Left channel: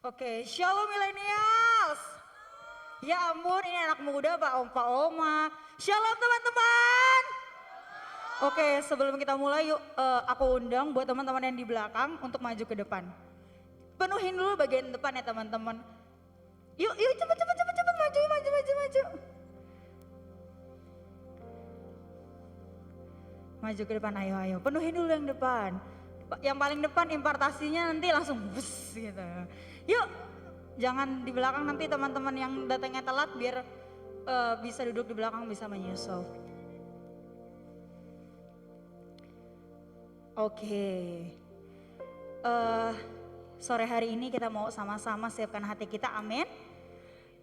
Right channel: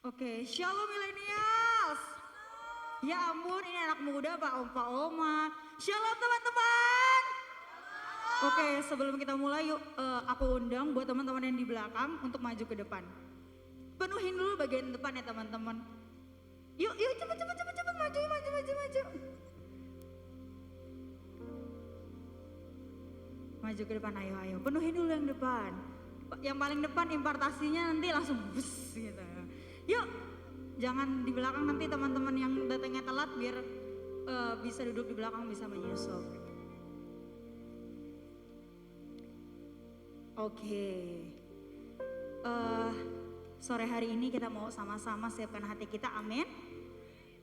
Oke, shalom millennials. Ya ampun, ini anak muda Pak Oma. Shalom teman-teman. Oke, sebelum kita mulai yuk aku undang buat teman-teman yang di belakang untuk maju ke depan. Penuhin dulu bagian depan ya teman-teman. Yuk, yuk cepet maju. Maju ke depan, ayo. Penuhin dulu yang depan. Yang paling depan impartasinya nanti langsung bus gitu. Yuk, jangan di belakang nanti teman-teman yang datangnya telat biar bisa duduk di belakang bisa menyusul. Oke. Sore hari ini kita mau sama-sama siapkan hati kita, amin.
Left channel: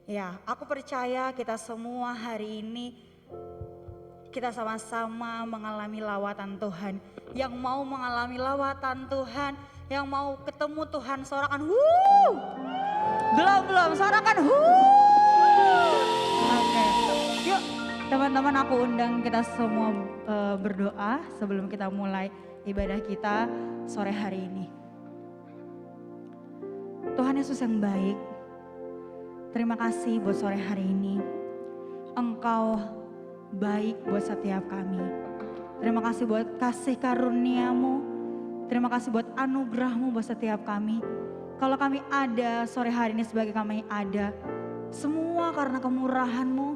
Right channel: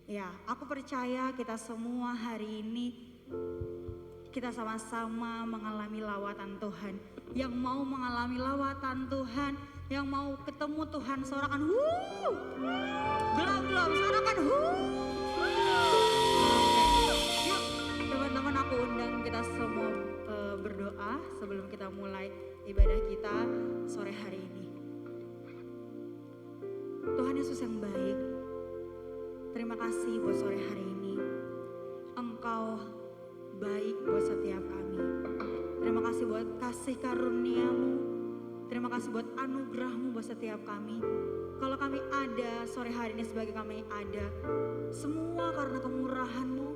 Ya, aku percaya kita semua hari ini kita sama-sama mengalami lawatan Tuhan. Yang mau mengalami lawatan Tuhan, yang mau ketemu Tuhan, sorakan wuh. Belum, sorakan wuh. Oke. Yuk, teman-teman aku undang kita semua berdoa sebelum kita mulai ibadah kita sore hari ini. Tuhan Yesus yang baik, terima kasih buat sore hari ini. Engkau baik buat setiap kami. Terima kasih buat kasih karunia-Mu. Terima kasih buat anugerah-Mu buat setiap kami. Kalau kami ada sore hari ini sebagai kami ada, semua karena kemurahan-Mu,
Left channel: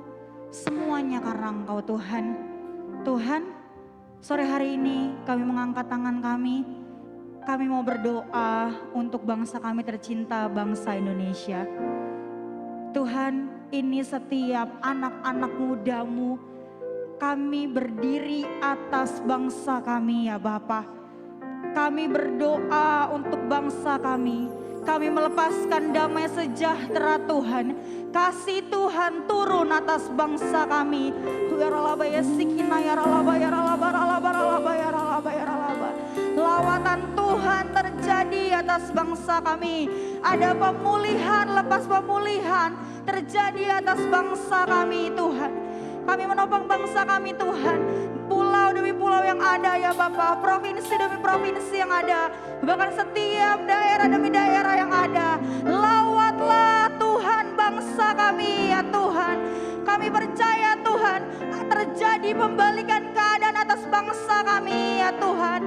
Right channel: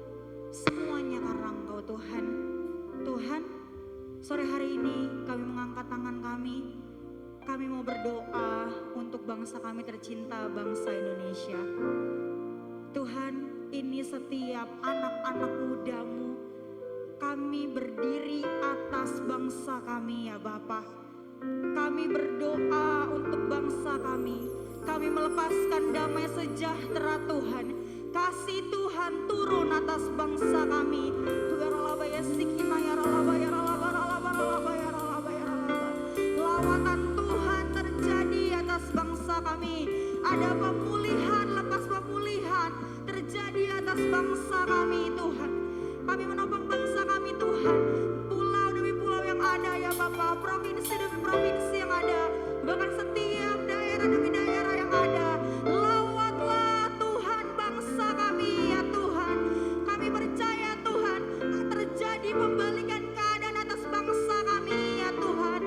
semuanya karena Engkau Tuhan. Tuhan, sore hari ini kami mengangkat tangan kami. Kami mau berdoa untuk bangsa kami tercinta, bangsa Indonesia. Tuhan, ini setiap anak-anak muda-Mu, kami berdiri atas bangsa kami ya Bapa. Kami berdoa untuk bangsa kami. Kami melepaskan damai sejahtera Tuhan. Kasih Tuhan turun atas bangsa kami. Lawatan Tuhan terjadi atas bangsa kami. Ada pemulihan lepas pemulihan terjadi atas bangsa kami Tuhan. Kami menopang bangsa kami Tuhan. Pulau demi pulau yang ada ya Bapa, provinsi demi provinsi yang ada, bahkan setiap daerah demi daerah yang ada. Lawatlah Tuhan bangsa kami ya Tuhan. Kami percaya Tuhan terjadi pembalikan keadaan atas bangsa kami ya Tuhan.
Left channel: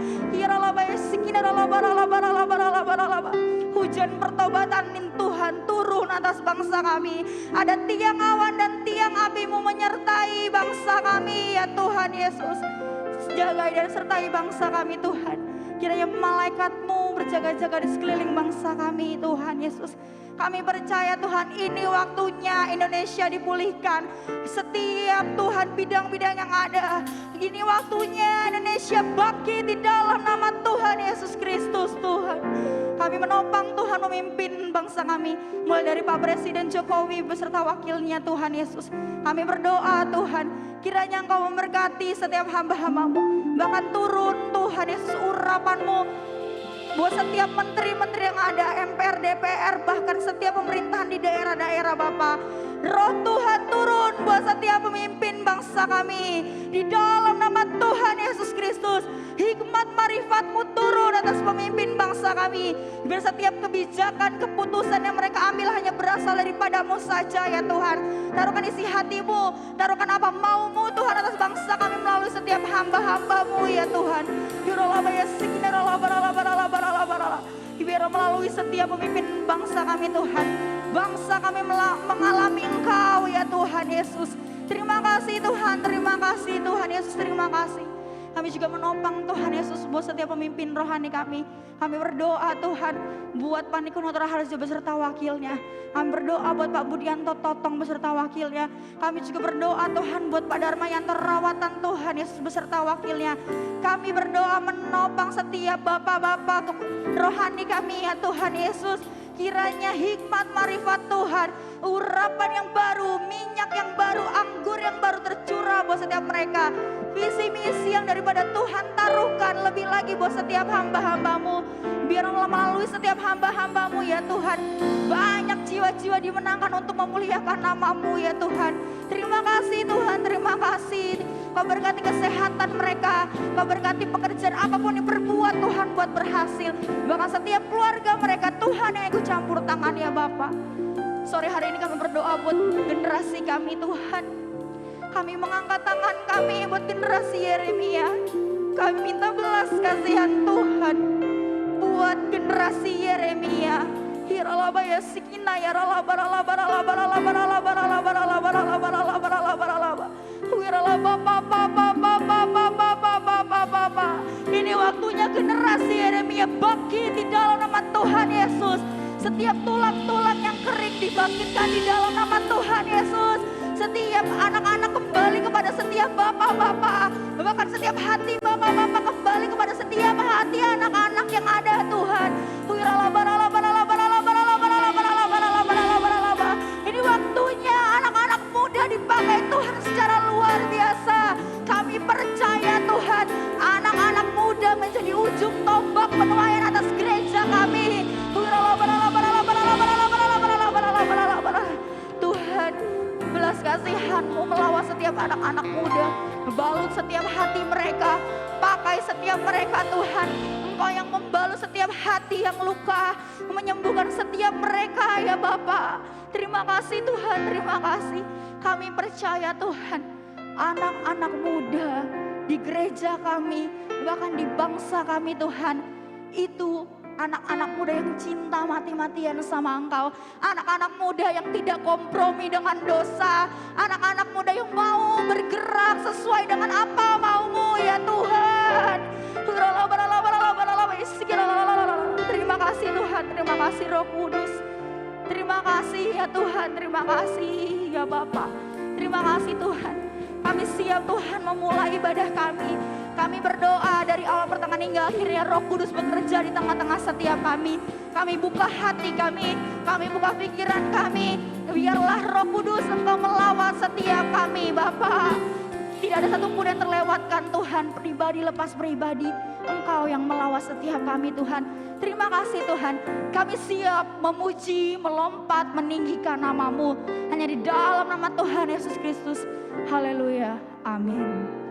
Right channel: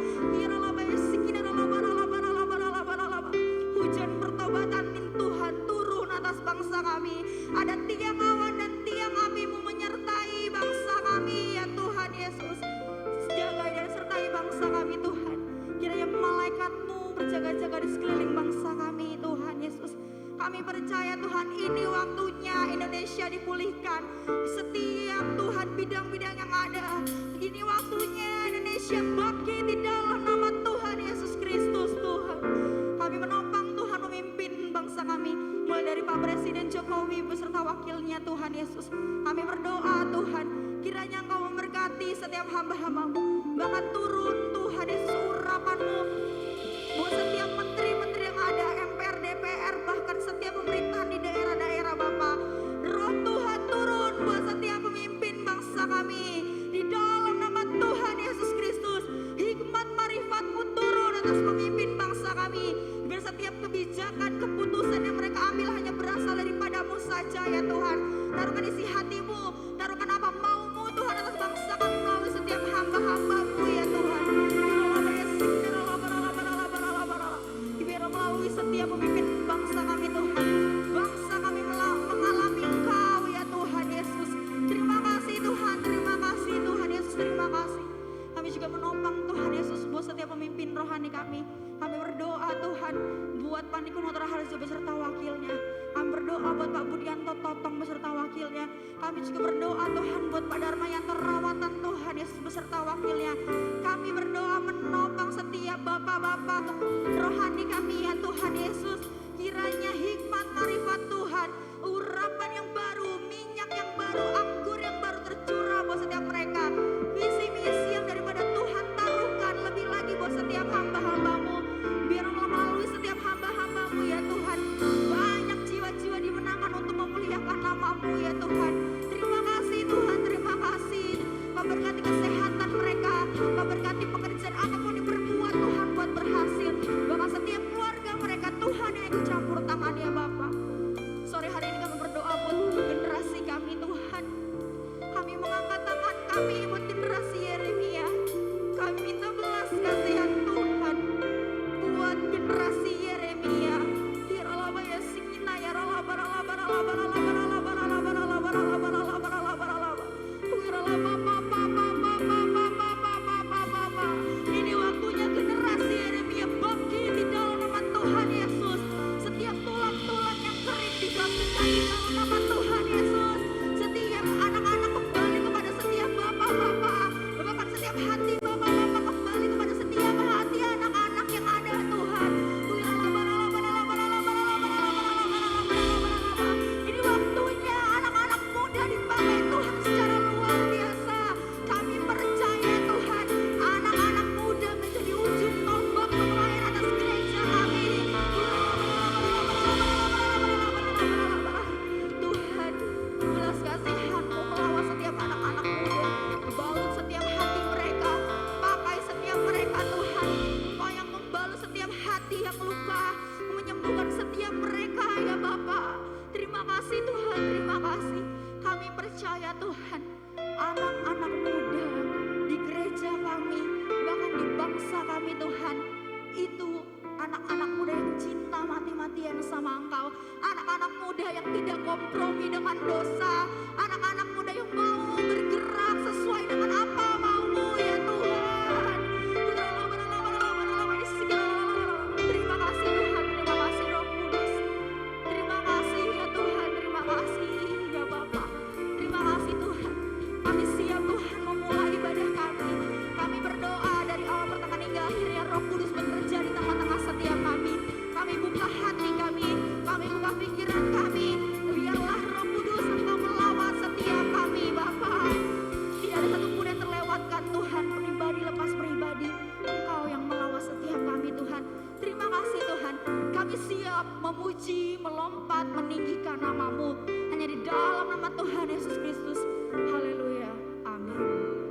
Hujan pertobatan Tuhan turun atas bangsa kami. Ada tiang awan dan tiang api-Mu menyertai bangsa kami ya Tuhan Yesus. Jagai dan sertai bangsa kami Tuhan. Kiranya malaikat-Mu berjaga-jaga di sekeliling bangsa kami Tuhan Yesus. Kami percaya Tuhan ini waktunya Indonesia dipulihkan. Setiap Tuhan bidang-bidang yang ada. Ini waktunya Indonesia bangkit di dalam nama Tuhan Yesus Kristus Tuhan. Kami menopang Tuhan memimpin bangsa kami. Mulai dari Pak Presiden Jokowi beserta wakilnya Tuhan Yesus. Kami berdoa Tuhan. Kiranya Engkau memberkati setiap hamba-hamba-Mu. Bahkan turun Tuhan Yesus urapan-Mu. Buat setiap menteri-menteri yang ada, MPR, DPR, bahkan setiap pemerintahan di daerah-daerah Bapa. Roh Tuhan turun buat setiap pemimpin bangsa kami. Di dalam nama Tuhan Yesus Kristus. Hikmat marifat-Mu turun atas pemimpin bangsa kami. Biar setiap kebijakan, keputusan yang mereka ambil hanya berasal daripada-Mu saja ya Tuhan. Taruhkan isi hati-Mu, taruhkan apa mau-Mu Tuhan atas bangsa kami melalui setiap hamba-hamba-Mu ya Tuhan. Biar melalui setiap pemimpin bangsa kami Tuhan. Bangsa kami mengalami Engkau ya Tuhan Yesus. Terima kasih Tuhan Yesus, terima kasih. Kami juga menopang Tuhan Yesus buat setiap pemimpin rohani kami. Kami berdoa Tuhan buat Paniko Nutra Harjo beserta wakilnya. Kami berdoa buat Pak Budianto Totong beserta wakilnya. Kami juga berdoa Tuhan buat Pak Darmayanto Rawatan Tuhan Yesus beserta wakilnya. Kami berdoa menopang setiap bapak-bapak rohani kami ya Tuhan Yesus. Kiranya hikmat marifat Tuhan, urapan yang baru, minyak yang baru, anggur yang baru tercurah buat setiap mereka. Visi misi yang daripada Tuhan taruhkan lebih lagi buat setiap hamba-hamba-Mu. Biar melalui setiap hamba-hamba-Mu ya Tuhan. Banyak jiwa-jiwa dimenangkan untuk memuliakan nama-Mu ya Tuhan. Terima kasih Tuhan, terima kasih. Kau berkati kesehatan mereka, Kau berkati pekerjaan apapun yang berbuat Tuhan buat berhasil. Bahkan setiap keluarga mereka Tuhan yang ikut campur tangan ya Bapa. Sore hari ini kami berdoa buat generasi kami Tuhan. Kami mengangkat tangan kami buat generasi Yeremia. Kami minta belas kasihan Tuhan buat generasi Yeremia. Hiralaba ya sikina ya ralaba ralaba ralaba ralaba ralaba ralaba ralaba ralaba ralaba ralaba ralaba. Wiralaba papa papa papa papa papa papa. Ini waktunya generasi Yeremia bangkit di dalam nama Tuhan Yesus. Setiap tulang-tulang yang kering dibangkitkan di dalam nama Tuhan Yesus. Setiap anak-anak kembali kepada setiap bapak-bapak. Bahkan setiap hati bapak-bapak kembali kepada setiap hati anak-anak yang ada Tuhan. Ini waktunya anak-anak muda dipakai Tuhan secara luar biasa. Kami percaya Tuhan, anak-anak muda menjadi ujung tombak penuaian atas gereja kami. Tuhan, belas kasihan-Mu melawan setiap anak-anak muda, balut setiap hati mereka, pakai setiap mereka Tuhan. Engkau yang membalut setiap hati yang luka, menyembuhkan setiap mereka ya Bapa. Terima kasih Tuhan, terima kasih. Kami percaya Tuhan, anak-anak muda di gereja kami, bahkan di bangsa kami Tuhan, itu anak-anak muda yang cinta mati-matian sama Engkau. Anak-anak muda yang tidak kompromi dengan dosa. Anak-anak muda yang mau bergerak sesuai dengan apa mau-Mu ya Tuhan. Terima kasih Tuhan, terima kasih Roh Kudus. Terima kasih ya Tuhan, terima kasih ya Bapa. Terima kasih Tuhan. Kami siap Tuhan memulai ibadah kami. Kami berdoa dari awal pertengahan hingga akhirnya Roh Kudus bekerja di tengah-tengah setiap kami. Kami buka hati kami buka pikiran kami. Biarlah Roh Kudus Engkau melawat setiap kami Bapa. Tidak ada satupun yang terlewatkan Tuhan, pribadi lepas pribadi. Engkau yang melawat setiap kami Tuhan. Terima kasih Tuhan, kami siap memuji, melompat, meninggikan nama-Mu. Hanya di dalam nama Tuhan Yesus Kristus. Haleluya, amin.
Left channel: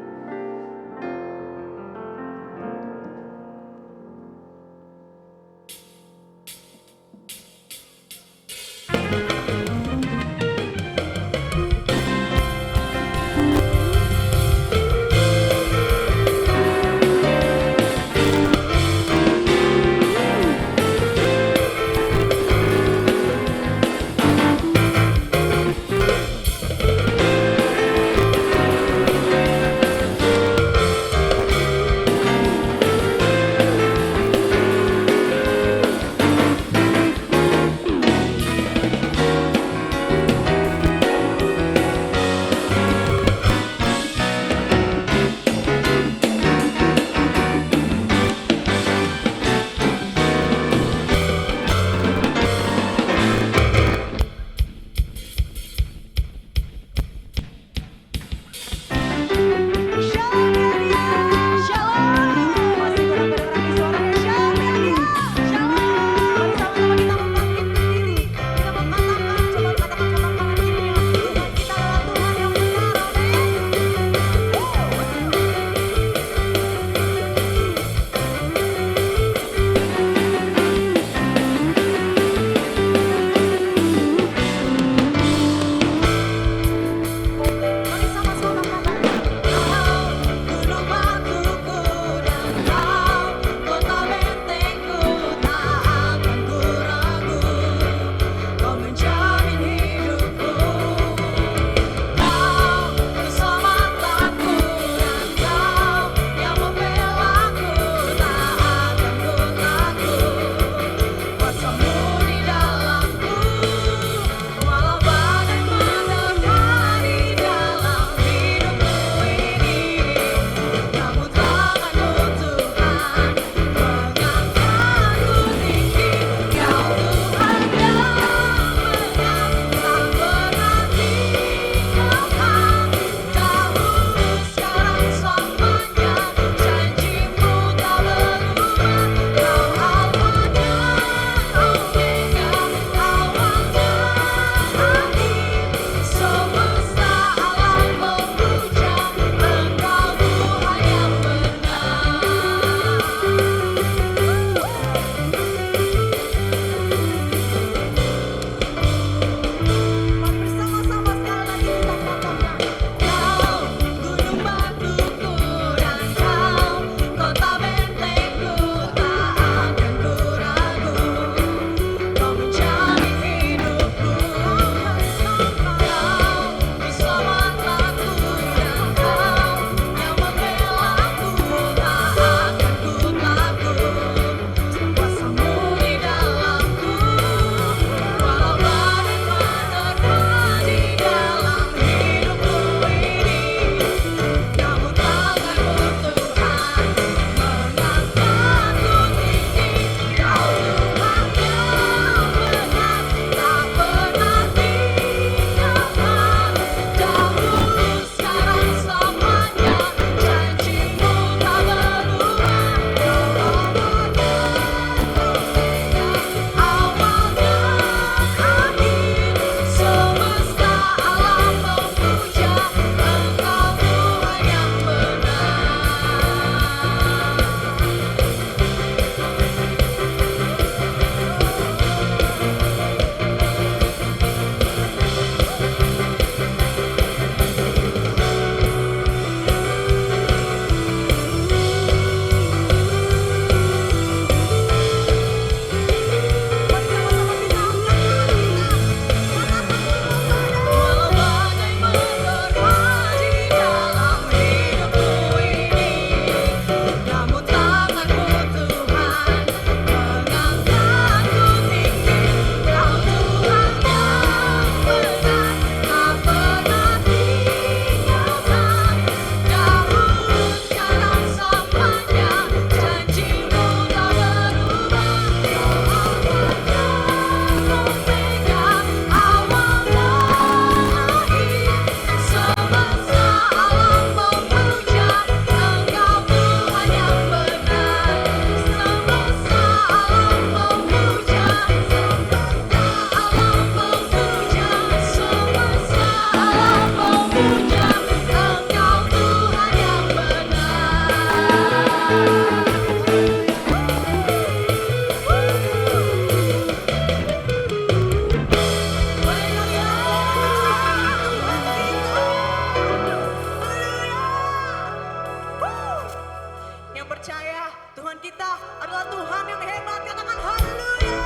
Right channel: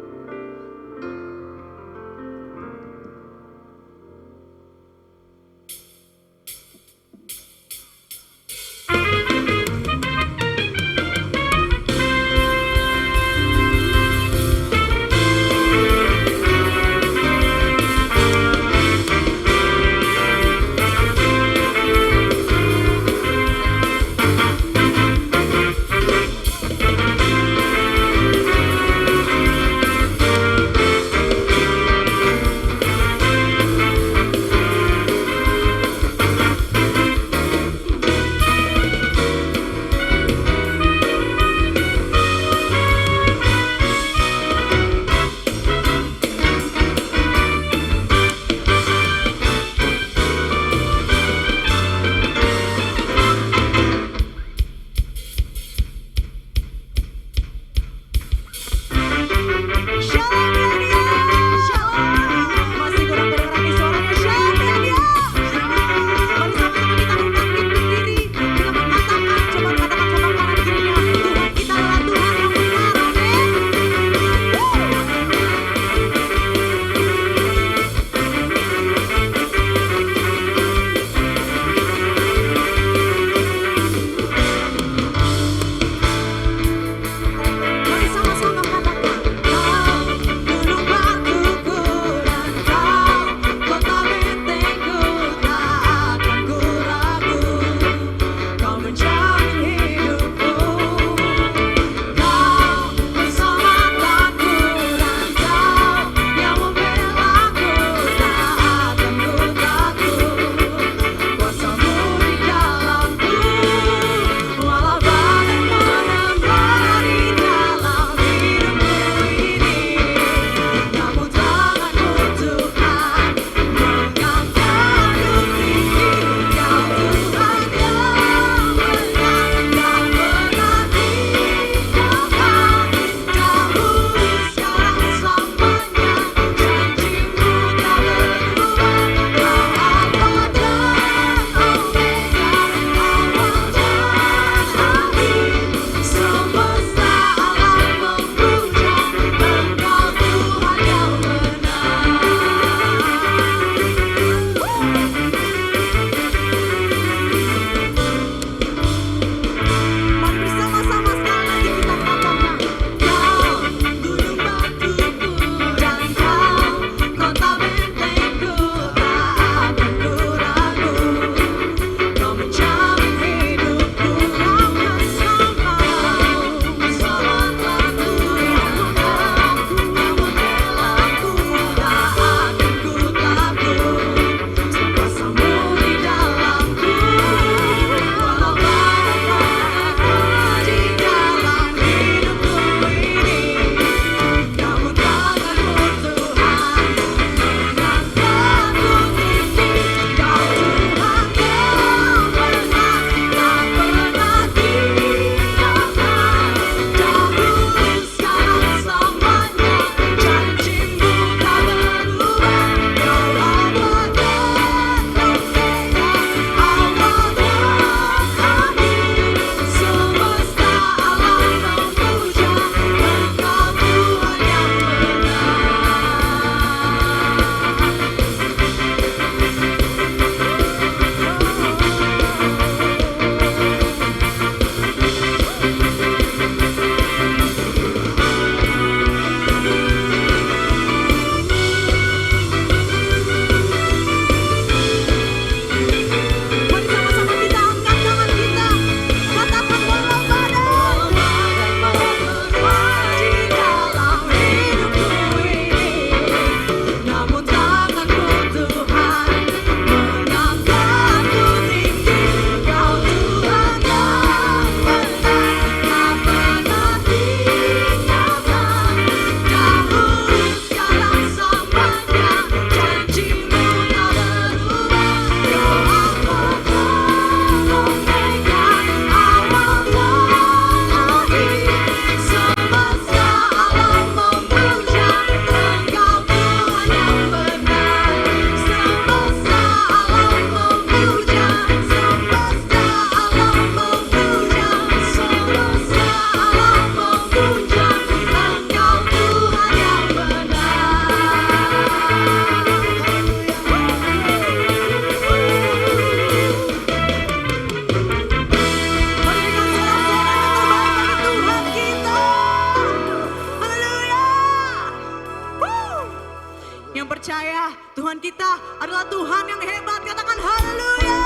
Yang percaya Tuhan kita adalah Tuhan yang hebat, katakan haleluya.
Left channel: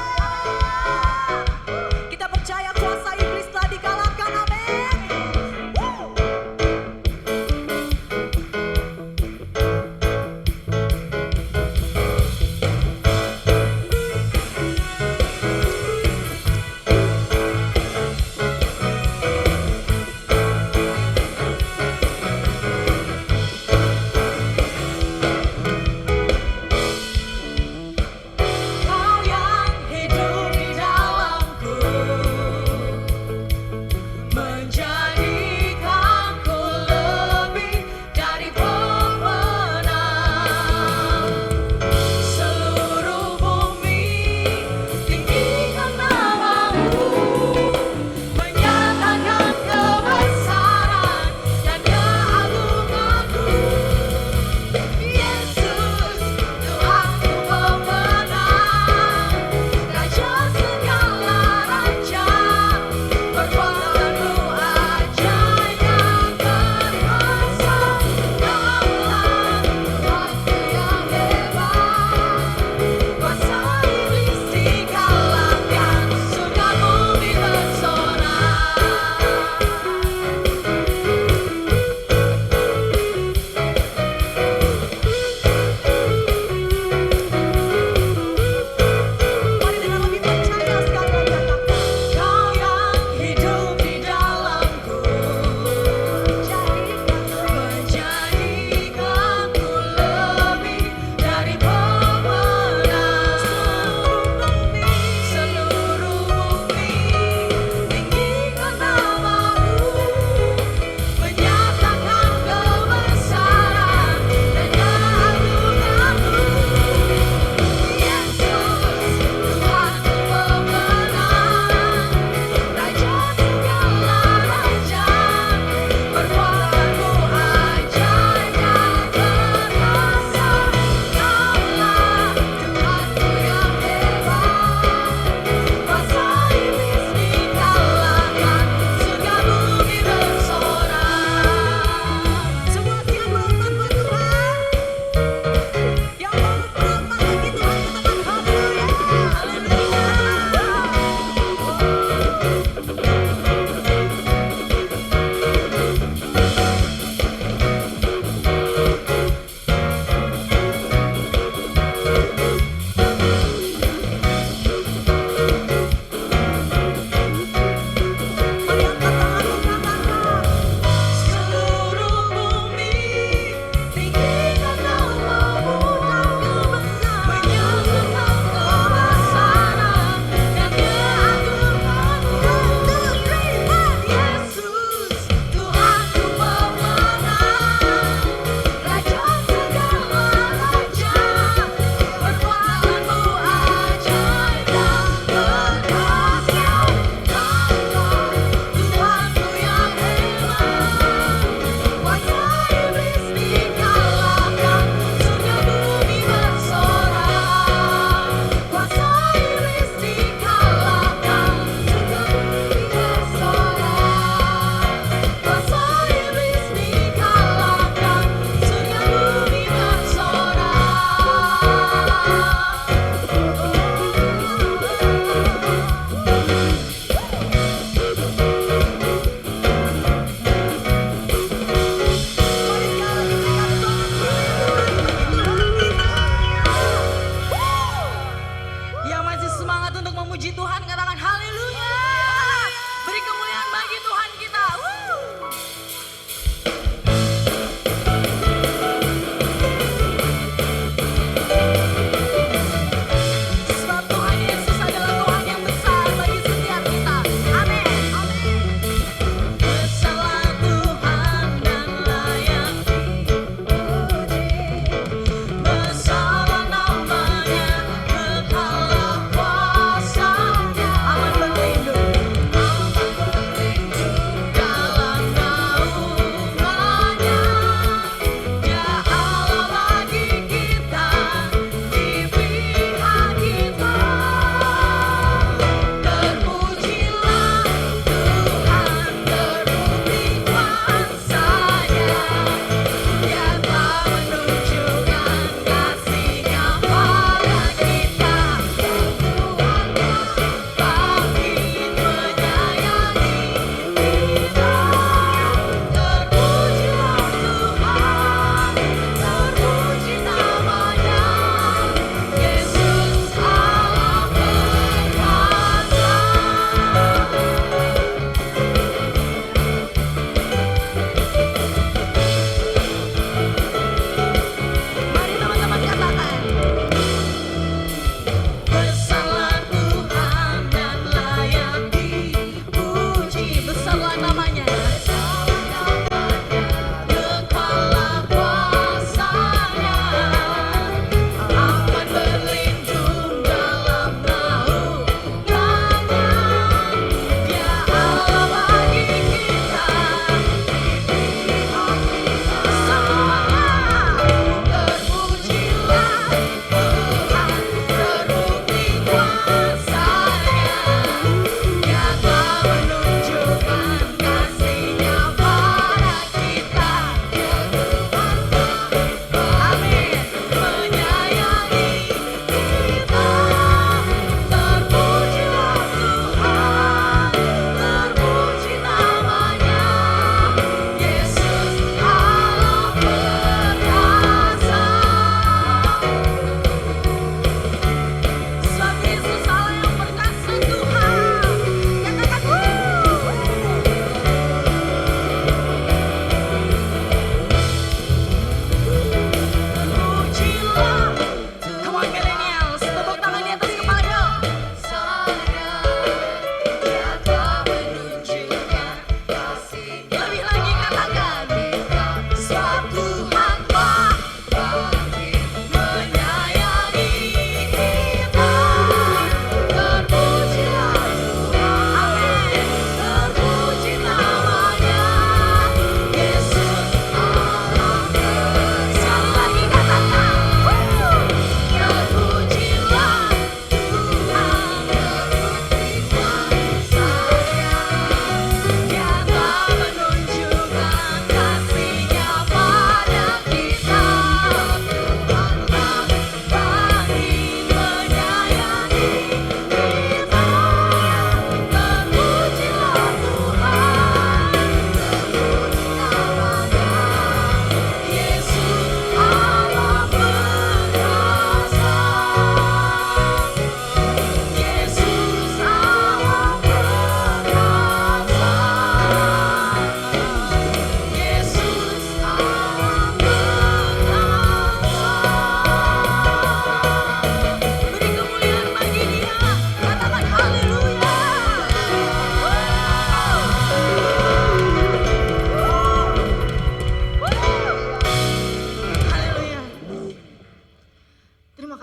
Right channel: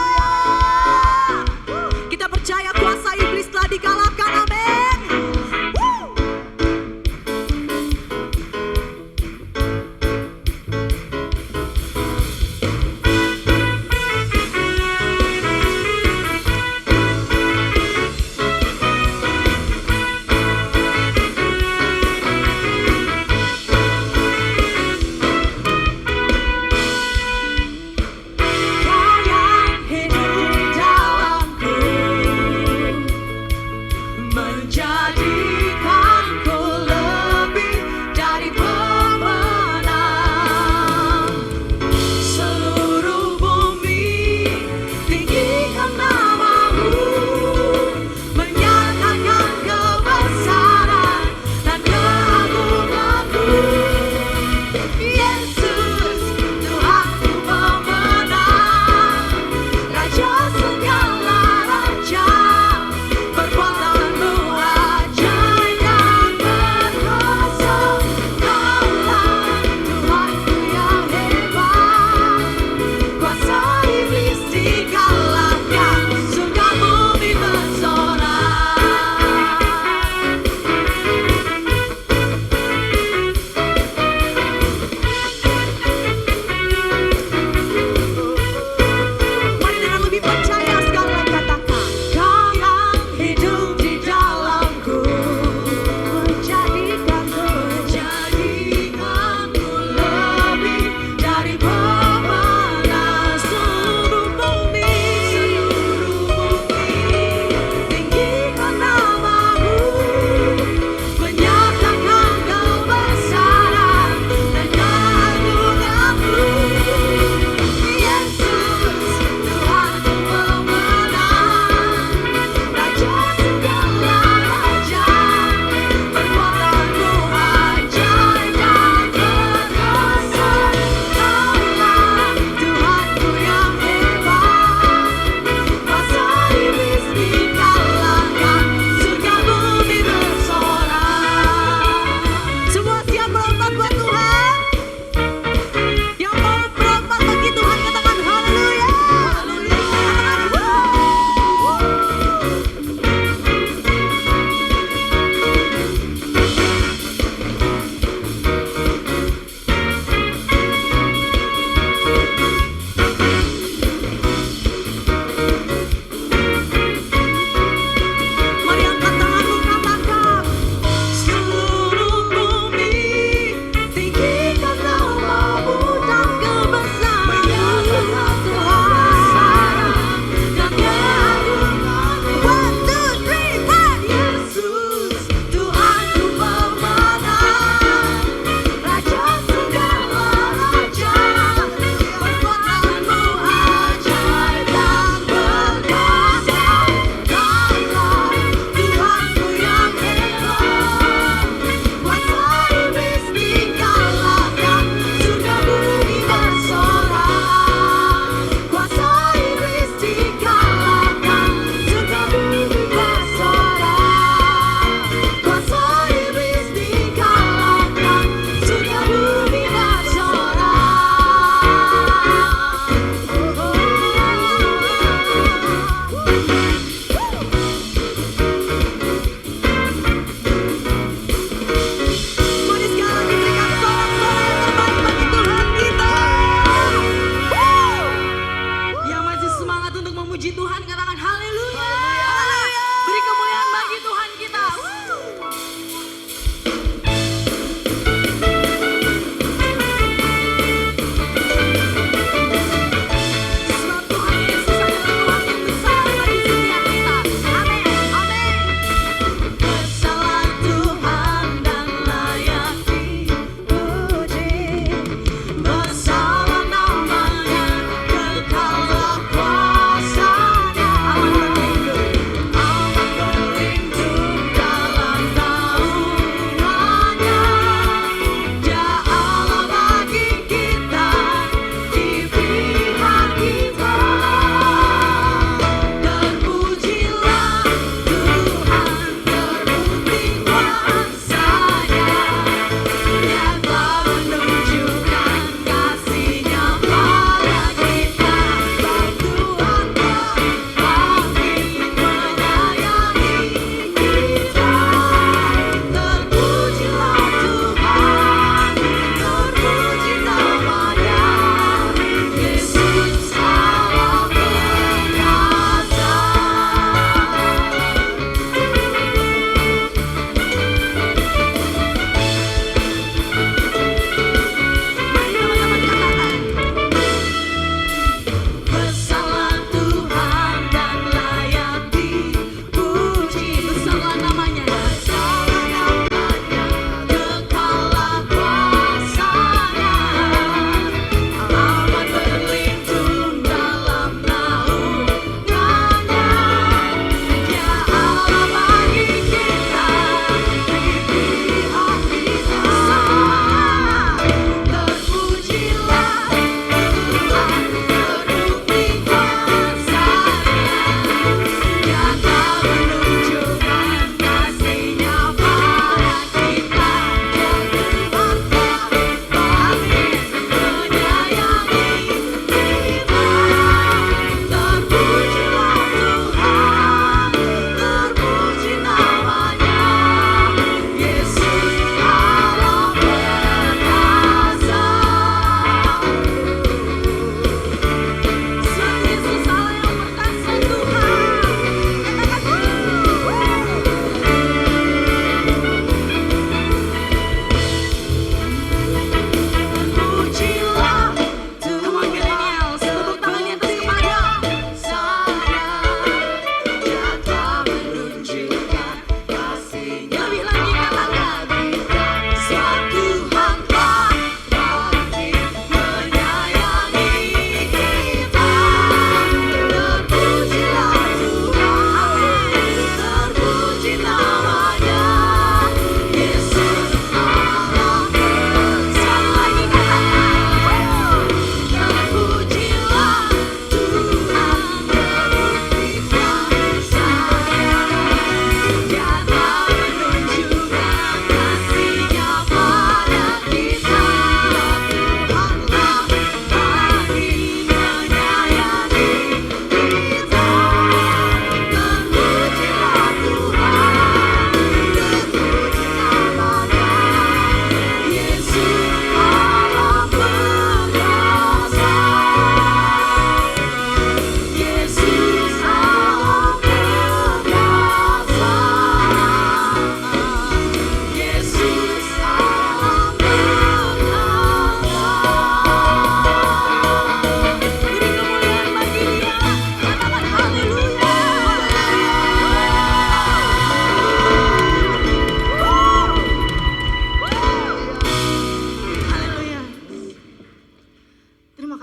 Kita percaya kuasa iblis telah dikalahkan, amin. Kau yang hidup di dalamku.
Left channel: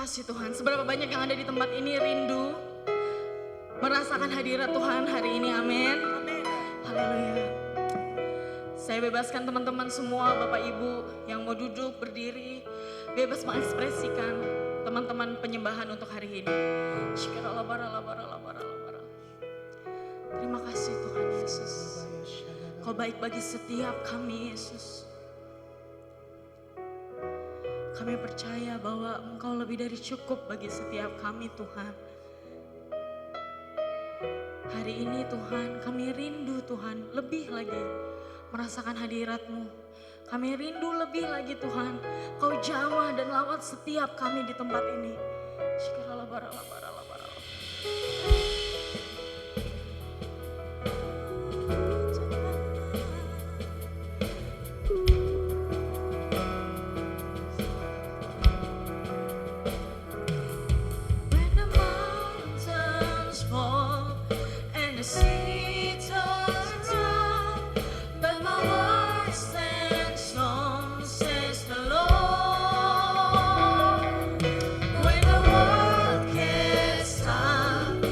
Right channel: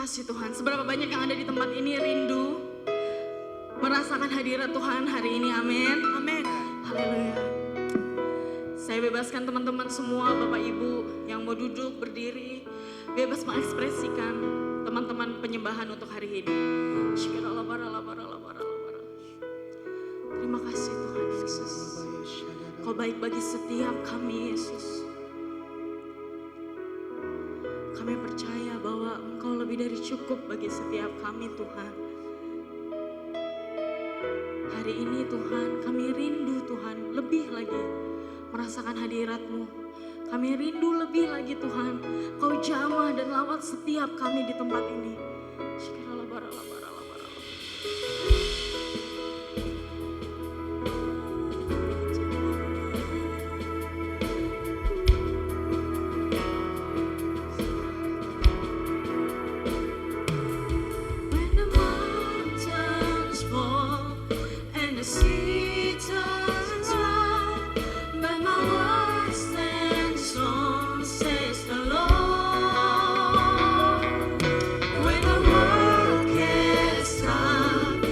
kasih Tuhan. Seberapa banyak yang ada di tempat ini rindu merasakan hadirat Tuhan hari ini, amin. Amin. Haleluya. Saya bebaskan teman-teman semua, Bapak Ibu yang mau duduk, berdiri, bebas mengekspresikan teman-teman penyembahan untuk hari ini. Terima kasih Tuhan Yesus. Kau baik bagi setiap kami, Yesus. Kami percaya bahwa Engkau lebih dari cukup bagi setiap kami, Tuhan. Hari ini Tuhan, kami rindu Tuhan lebih lagi merasakan hadirat-Mu. Kami rindu lebih lagi Tuhan, Kau jamah dan lawat setiap kami di tempat ini. When the mountains fall and the sea turns round, but my words stand strong, says the Lord. When the world gets tired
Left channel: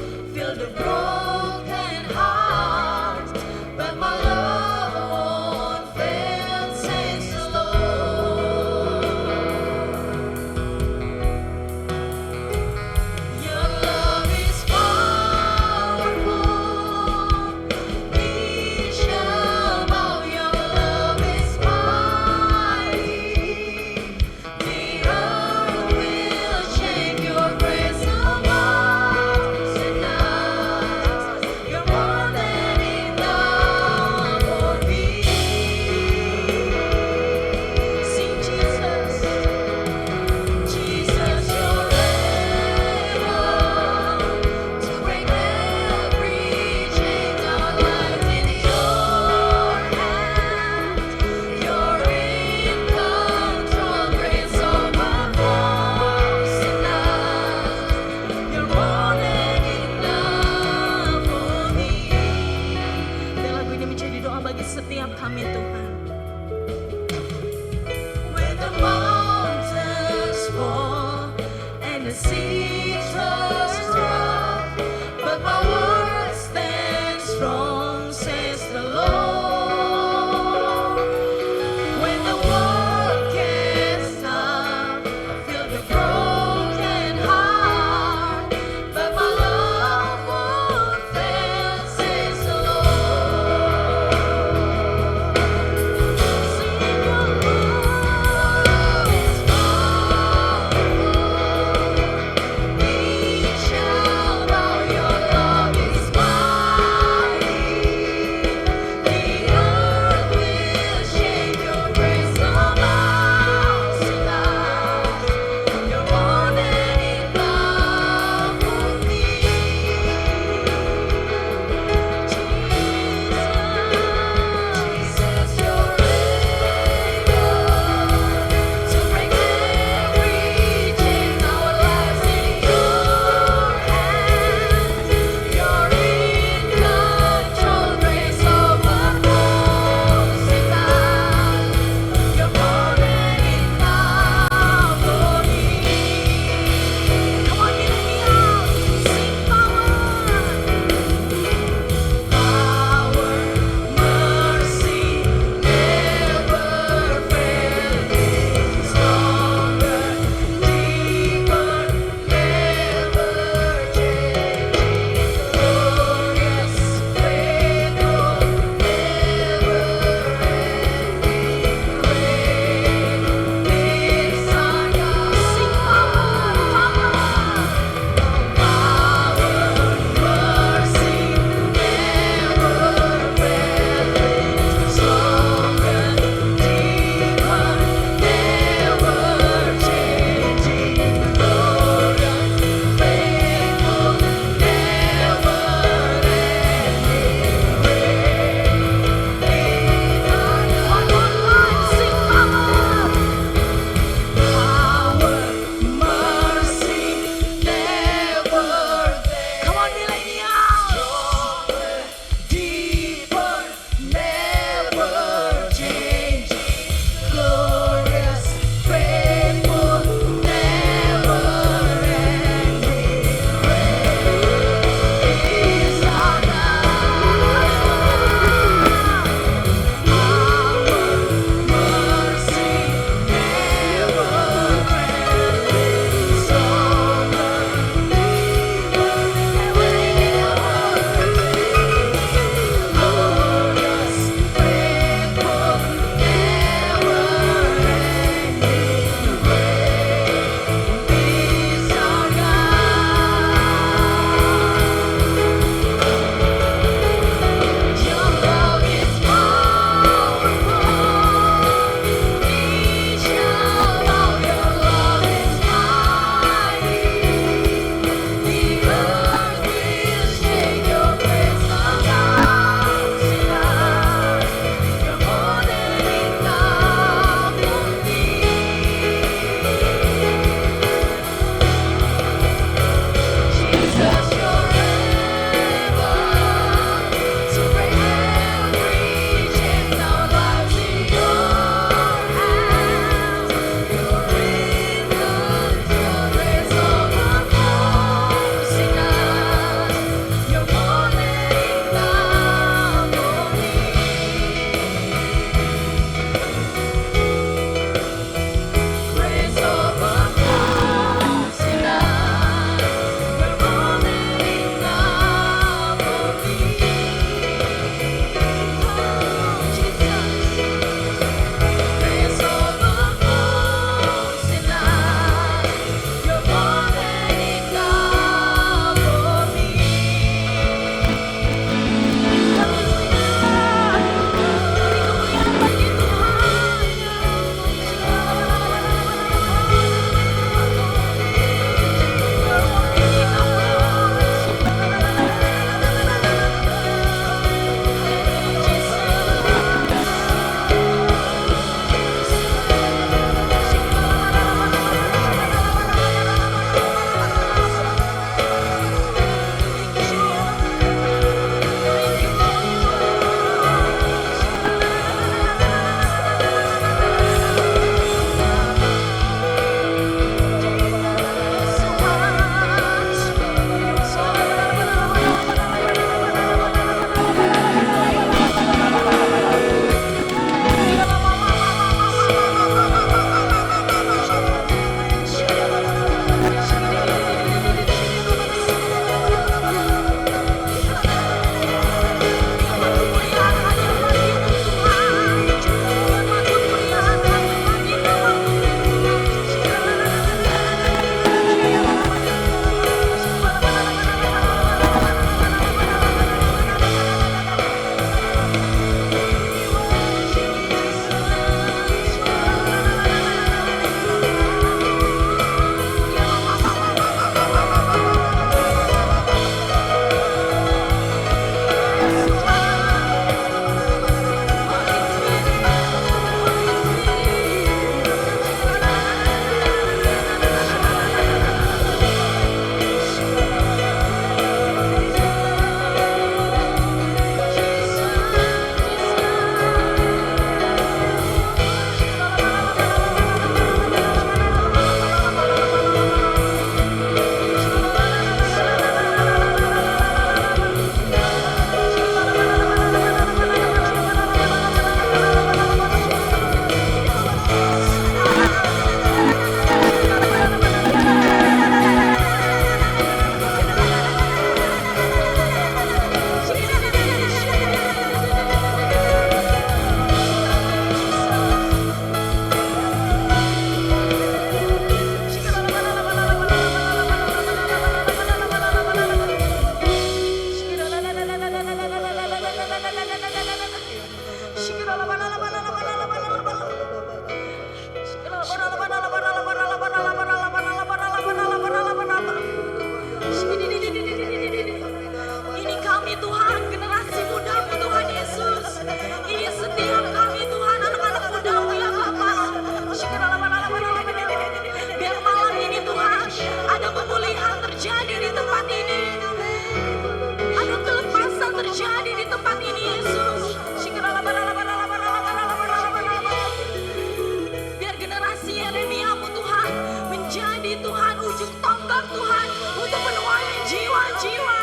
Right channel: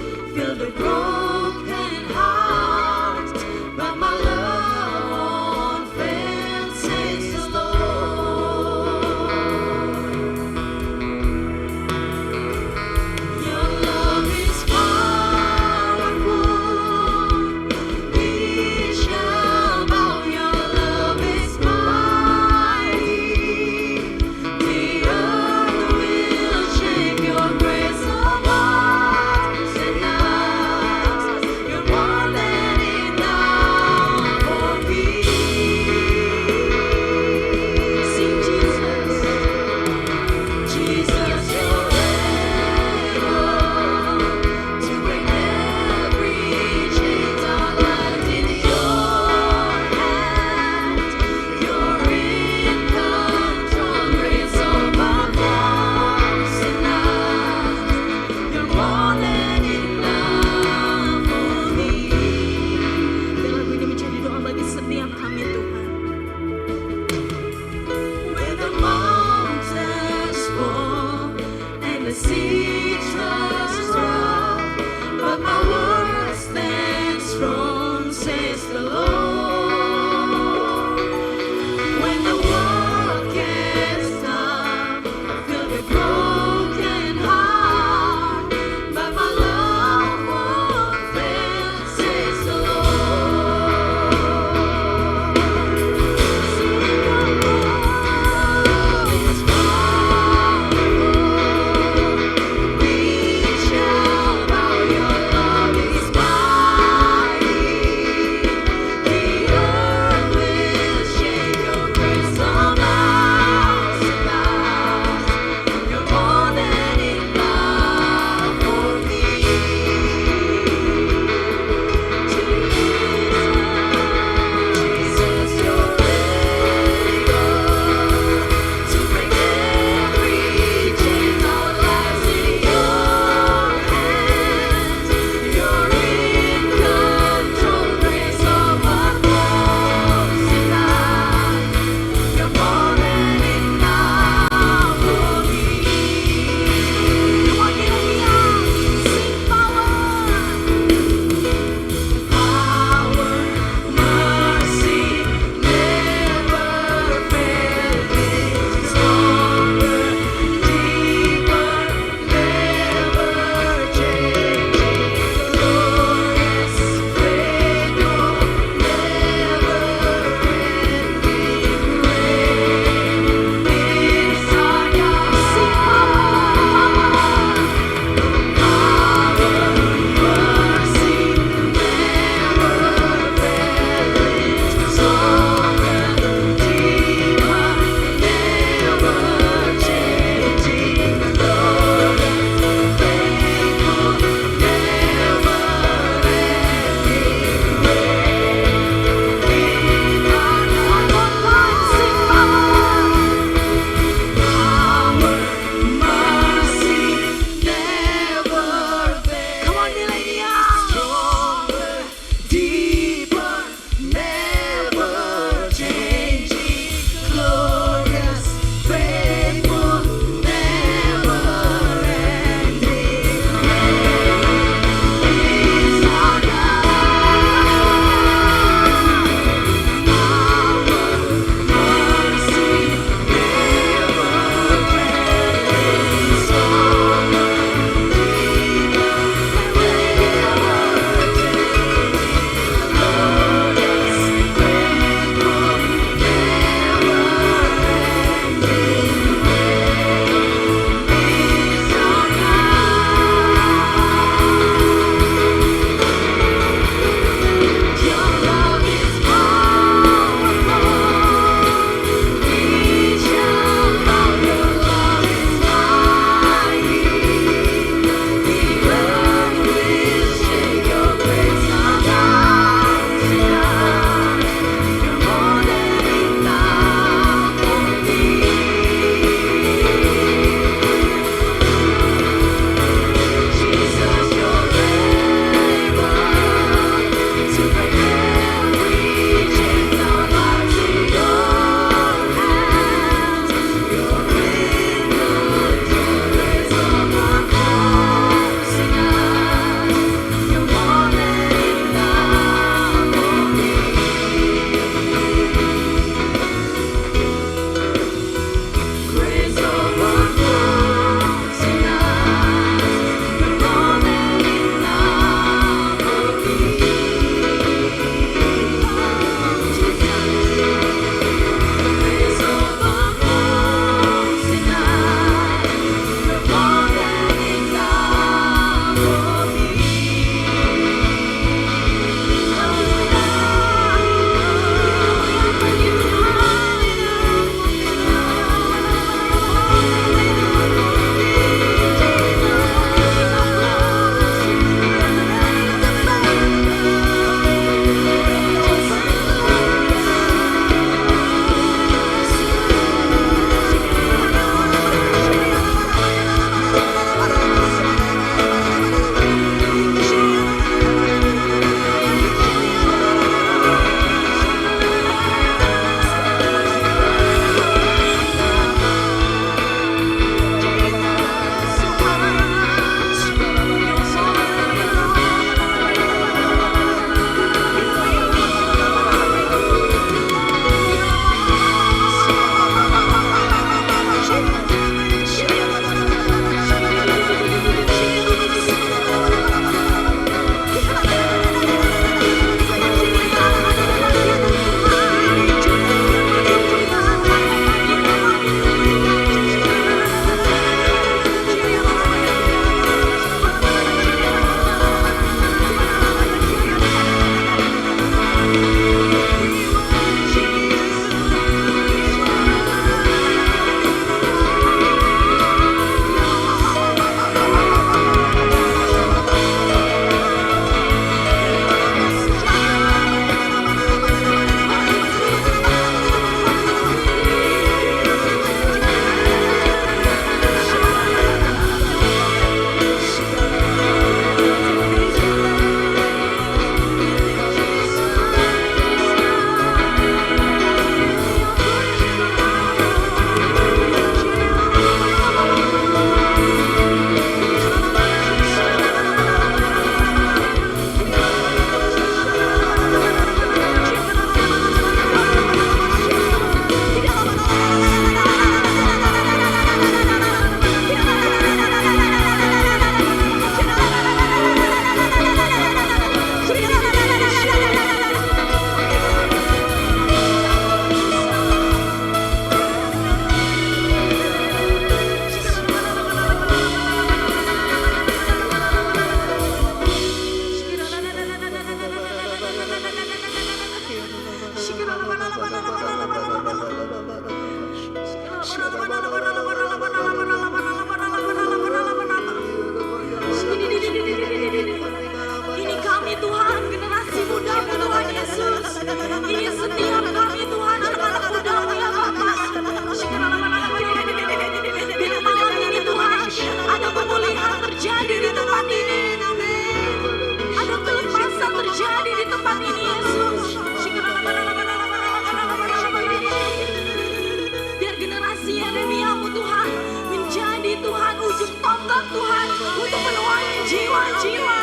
jiwa-jiwa.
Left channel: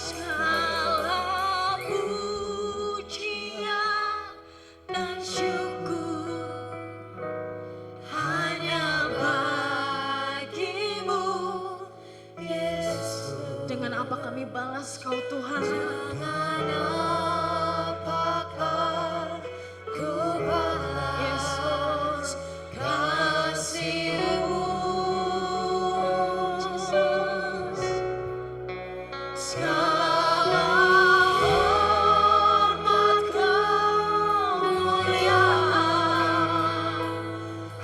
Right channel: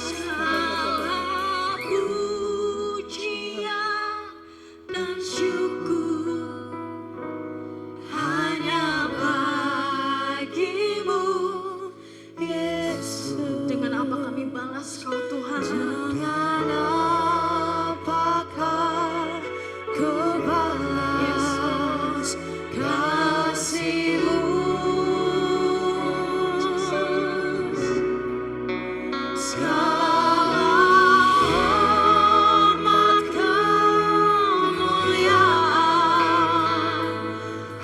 Segala pujian dan syukur hanya bagimu, Yesus. Dengan apa kami balas kau Tuhan? Dengan apakah kau balas kasih-Mu? Segala hormat kemuliaan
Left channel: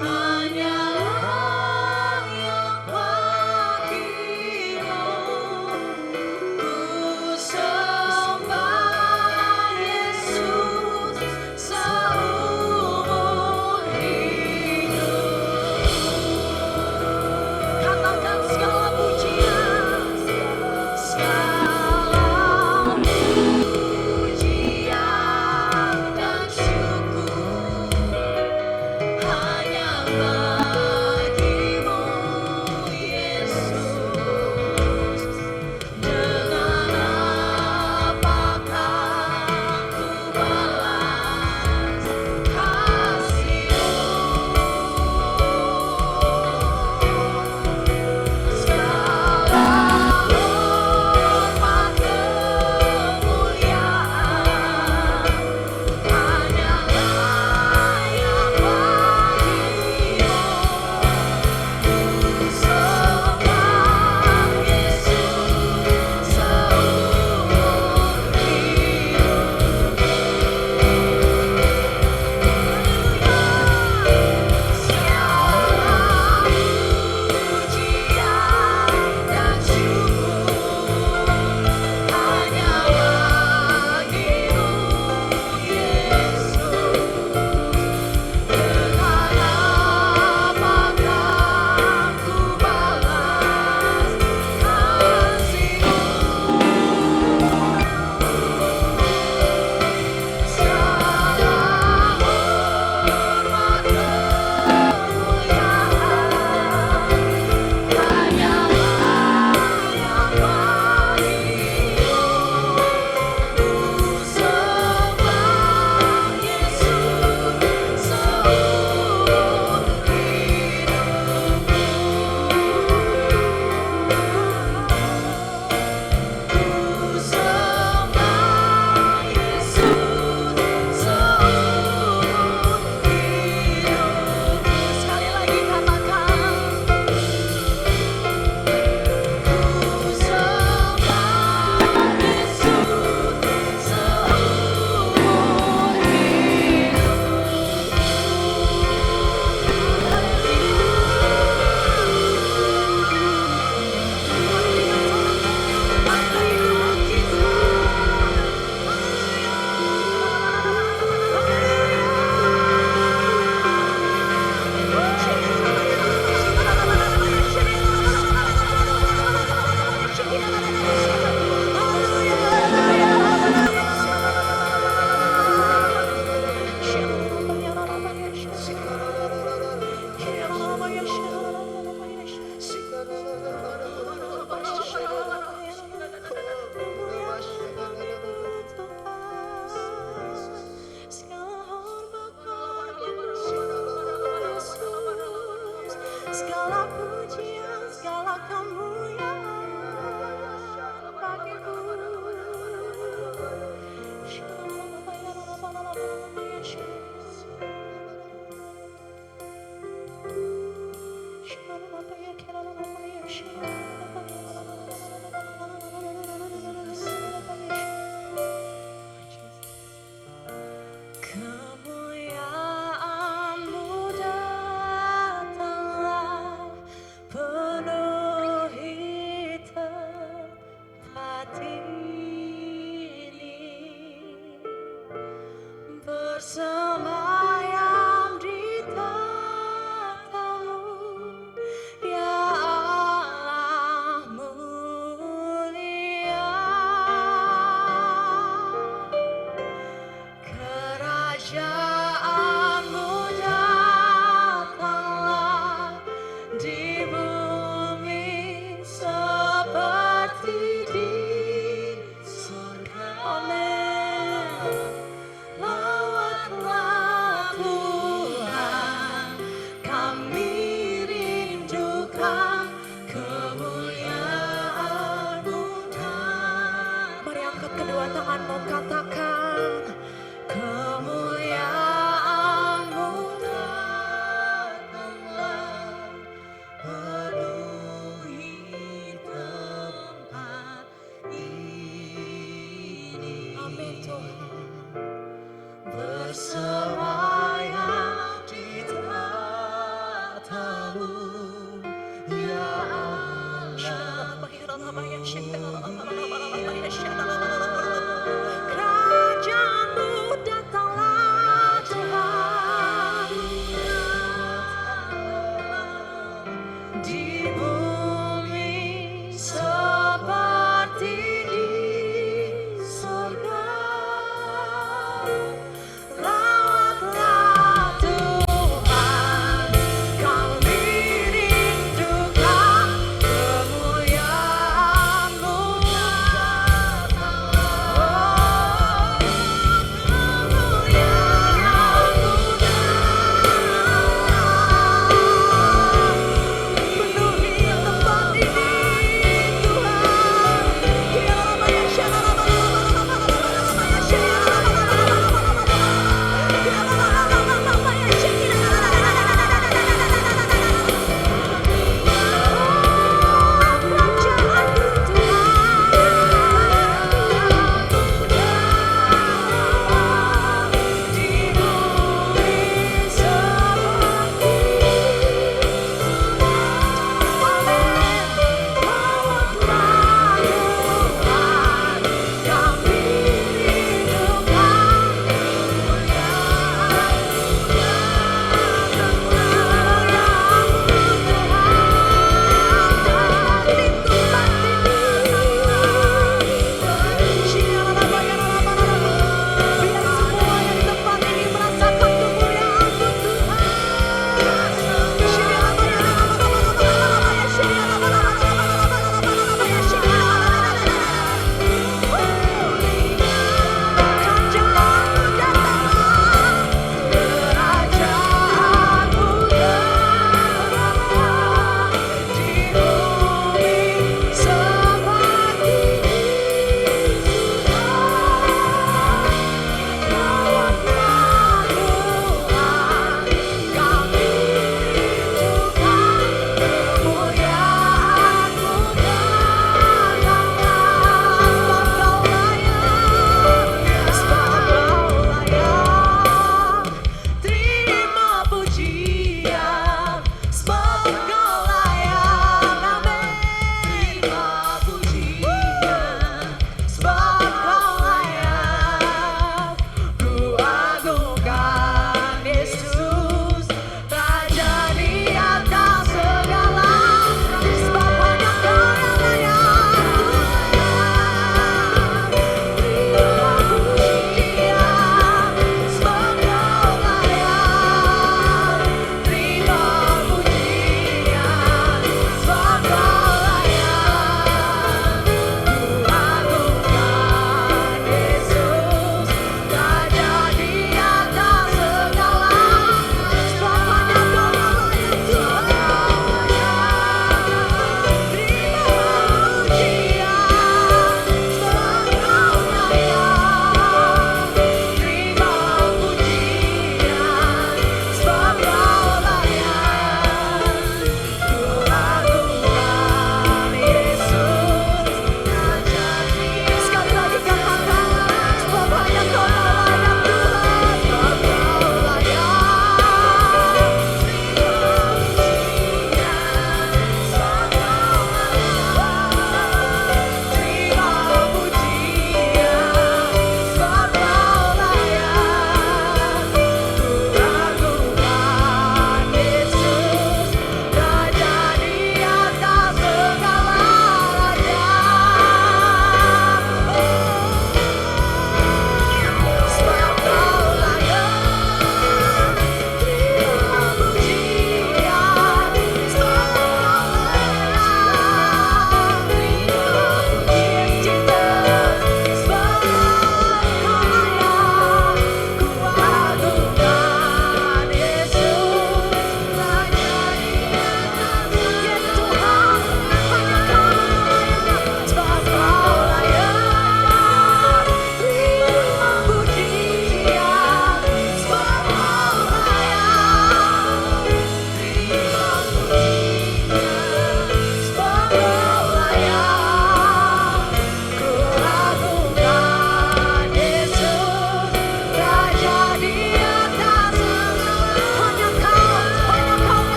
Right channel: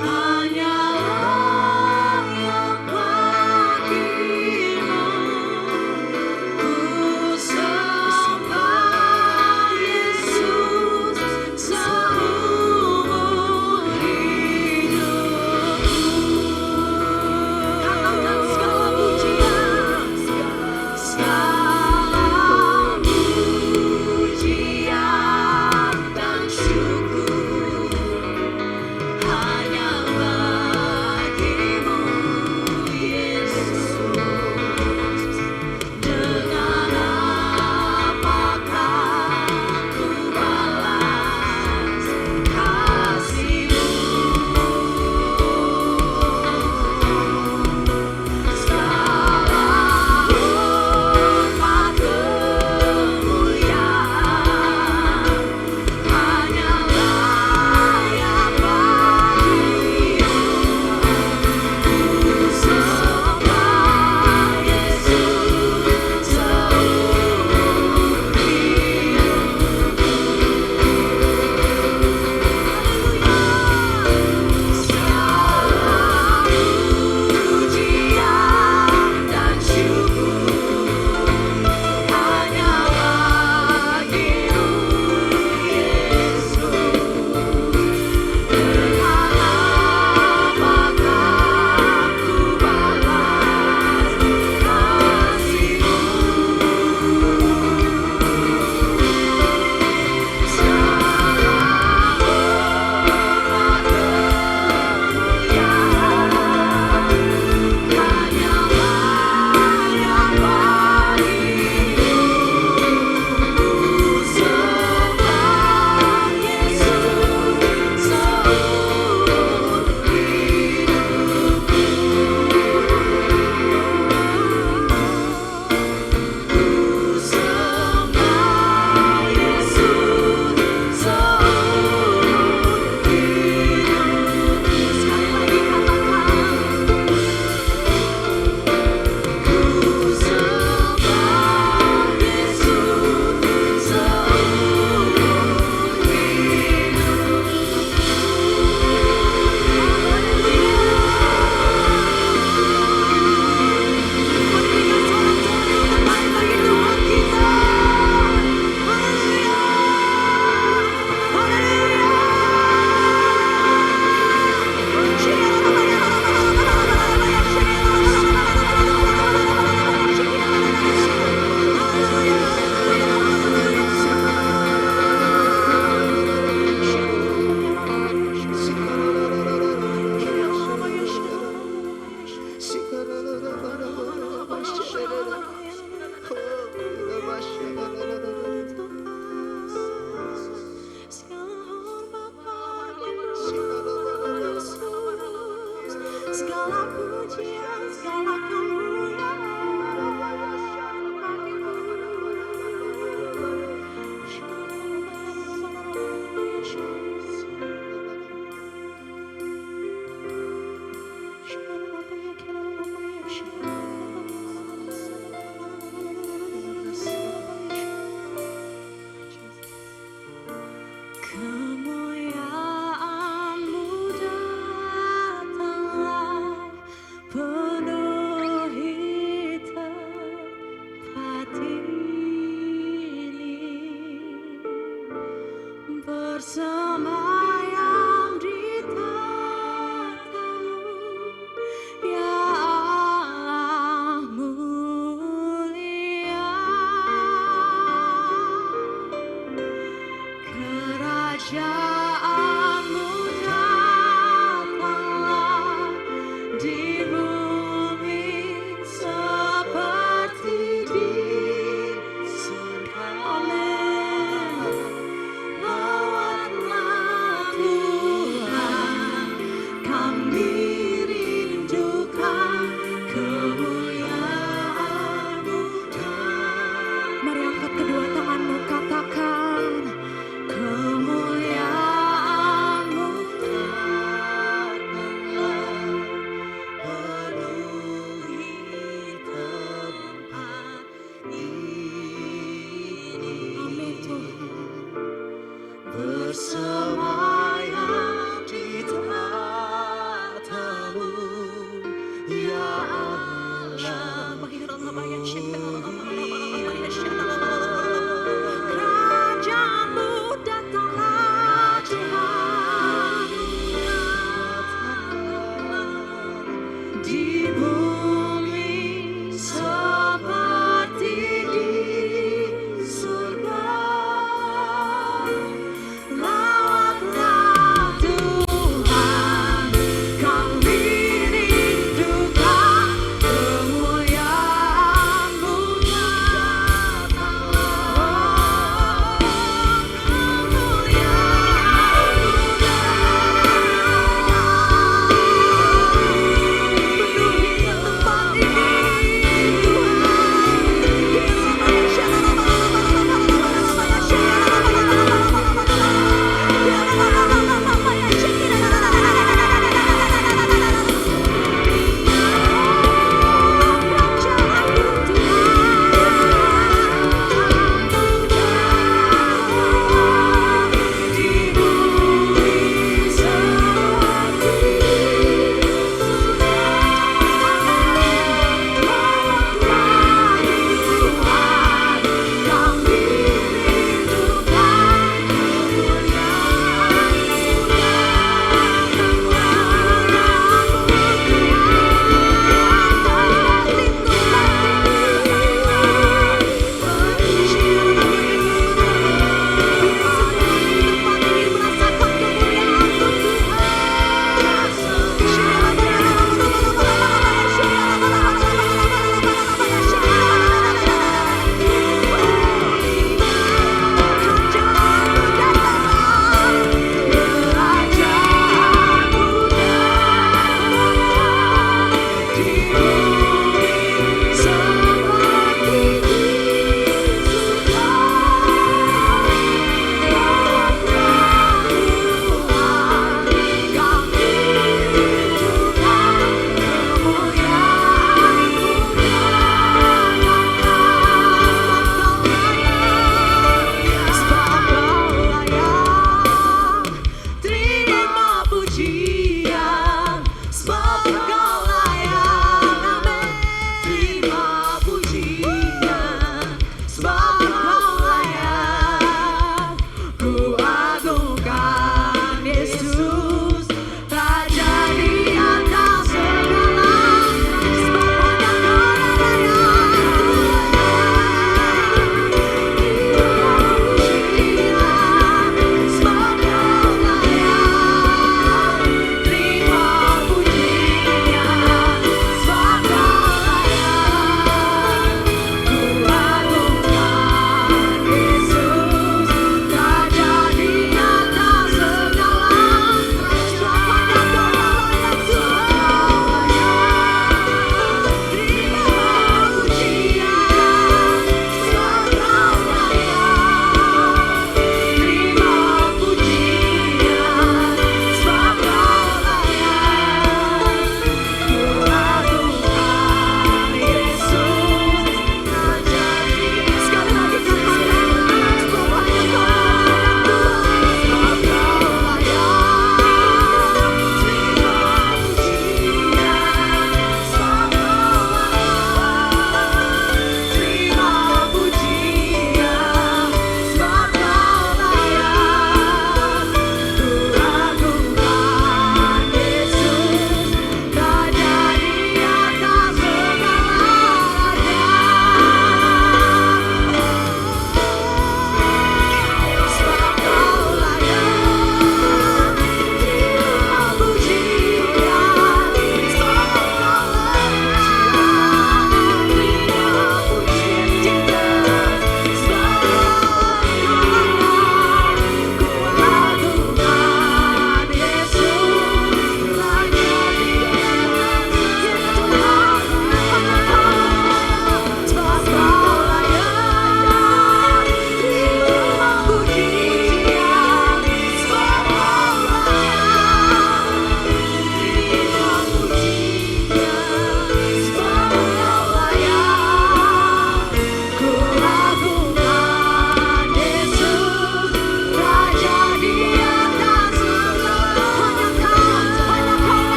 hanyalah yang bagimu. Ku sembah Yesus seumur hidupku. Katakan segala pujian, segala pujian dan syukur hanya bagimu, Yesus. Dengan apakah ku balas kasih-Mu? Segala hormat kemuliaan hanyalah yang bagimu. Ku sembah Yesus seumur hidupku. Segala pujian dan syukur hanya bagimu, Yesus. Dengan apakah ku balas kasih-Mu? Segala hormat kemuliaan hanyalah yang bagimu. Ku sembah Yesus seumur hidupku. Ku sembah Yesus seumur hidupku. Sekali lagi katakan, ku sembah Yesus seumur segala pujian, segala kemuliaan bagimu. Kemuliaan-Mu datanglah penuhi tempat ini, bersemayam di tatamu, ya Allah mulia. Kerajaan-Mu datang bersemayam di tatamu, ya Allah. Kerajaanmu datanglah Tuhan, di bumi seperti di surga.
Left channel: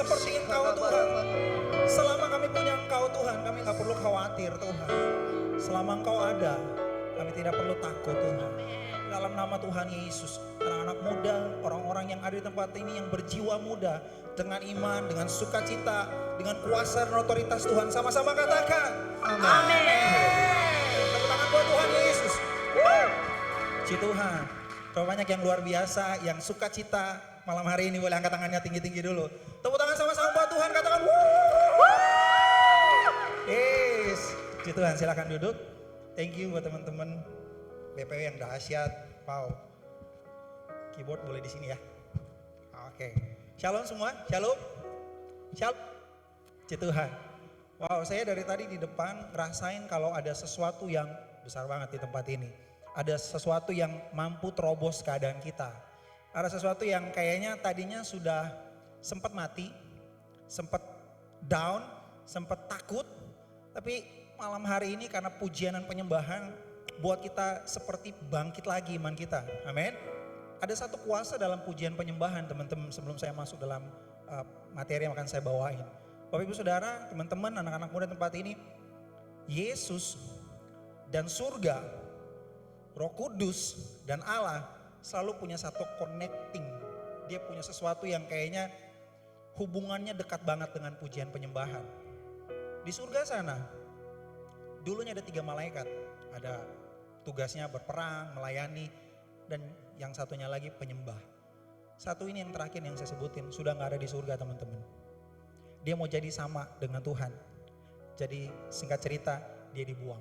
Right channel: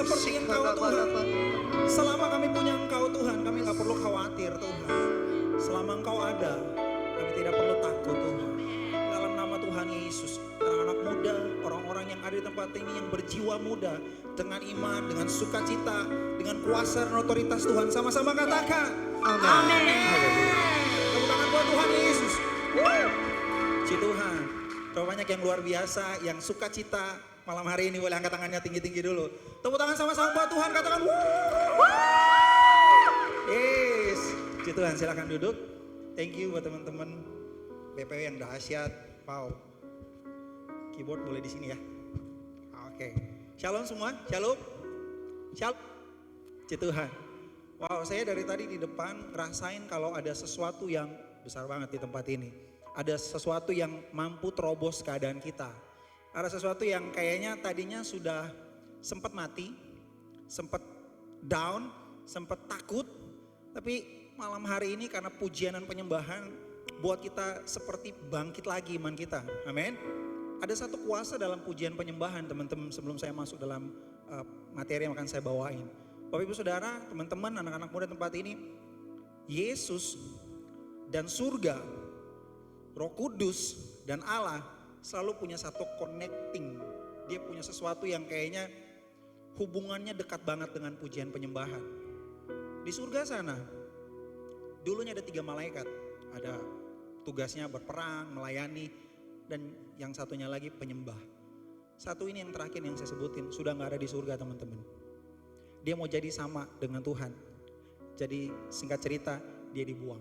seperti Engkau Tuhan. Selama kami punya Engkau Tuhan, kami gak perlu khawatir Tuhan. Selama Engkau ada, kami tidak perlu takut Tuhan. Dalam nama Tuhan Yesus, anak-anak muda, orang-orang yang ada di tempat ini yang berjiwa muda, dengan iman, dengan sukacita, dengan kuasa dan otoritas Tuhan, sama-sama katakan amin. Tepuk tangan buat Tuhan Yesus. Puji Tuhan. Berapa banyak yang luar biasa, yang sukacita malam hari ini, boleh angkat tangannya tinggi-tinggi dulu. Tepuk tangan sama-sama buat Tuhan, katakan yes. Puji Tuhan, silakan duduk. Thank you buat teman-teman BPW yang dahsyat. Wow. Keyboard boleh di sini ya. Oke. Shalom semua. Shalom. Shalom. Puji Tuhan. Wow, saya dari tadi di depan ngerasain kalau ada sesuatu yang besar banget di tempat ini. Ada sesuatu yang mampu terobos keadaan kita. Ada sesuatu yang kayaknya tadinya sudah sempat mati, sempat down, sempat takut. Tapi malam hari ini karena pujian dan penyembahan buat kita seperti bangkit lagi iman kita. Amin. Ada satu kuasa dalam pujian penyembahan teman-teman, sebelum saya masuk dalam materi yang akan saya bawain. Bapak Ibu Saudara, teman-teman, anak-anak muda tempat ini, Yesus dan surga, Roh Kudus dan Allah selalu punya satu connecting. Dia punya sesuatu yang kayaknya hubungannya dekat banget dengan pujian penyembahan. Di surga sana, dulunya ada 3 malaikat. Ada tugasnya berperang, melayani, dan yang satunya lagi penyembah. Satu ini yang terakhir yang saya sebutin, sudah gak ada di surga teman-teman. Dia mau jadi sama dengan Tuhan. Jadi singkat cerita, dia dibuang.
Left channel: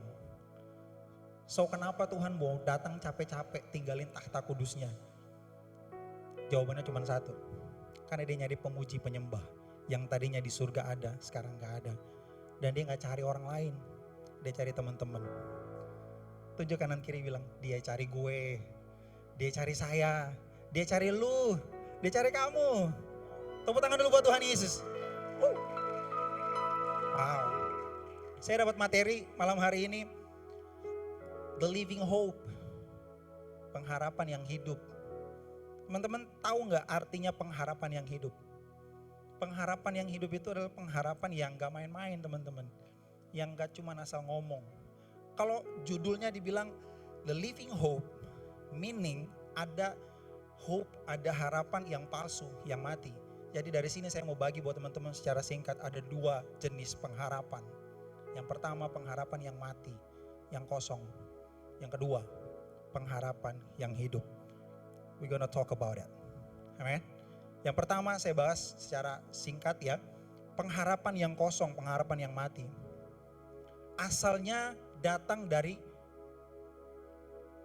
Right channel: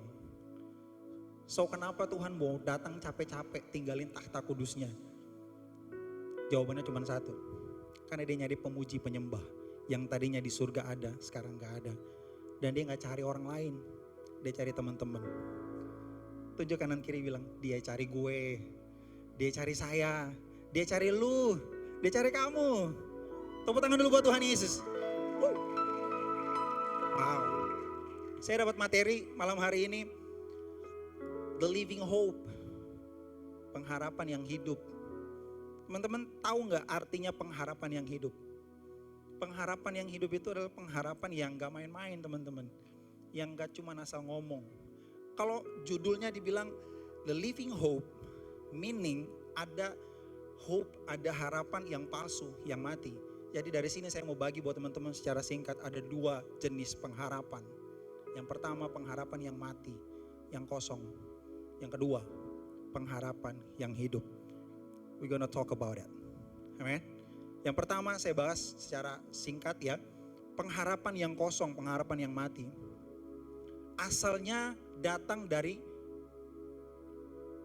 So kenapa Tuhan mau datang capek-capek tinggalin takhta kudusnya? Jawabannya cuma satu. Karena dia nyari pemuji penyembah. Yang tadinya di surga ada, sekarang gak ada. Dan dia gak cari orang lain. Dia cari teman-teman. Tunjuk kanan kiri bilang, dia cari gue. Dia cari saya. Dia cari lu. Dia cari kamu. Tepuk tangan dulu buat Tuhan Yesus. Wow. Saya dapat materi malam hari ini. The living hope. Pengharapan yang hidup. Teman-teman tahu gak artinya pengharapan yang hidup? Pengharapan yang hidup itu adalah pengharapan yang gak main-main teman-teman. Yang gak cuma asal ngomong. Kalau judulnya dibilang The Living Hope, meaning ada hope, ada harapan yang palsu, yang mati. Jadi dari sini saya mau bagi buat teman-teman secara singkat ada 2 jenis pengharapan. Yang pertama pengharapan yang mati, yang kosong. Yang kedua pengharapan yang hidup. We gonna talk about it. Amen. Yang pertama saya bahas secara singkat ya. Pengharapan yang kosong, pengharapan yang mati. Asalnya datang dari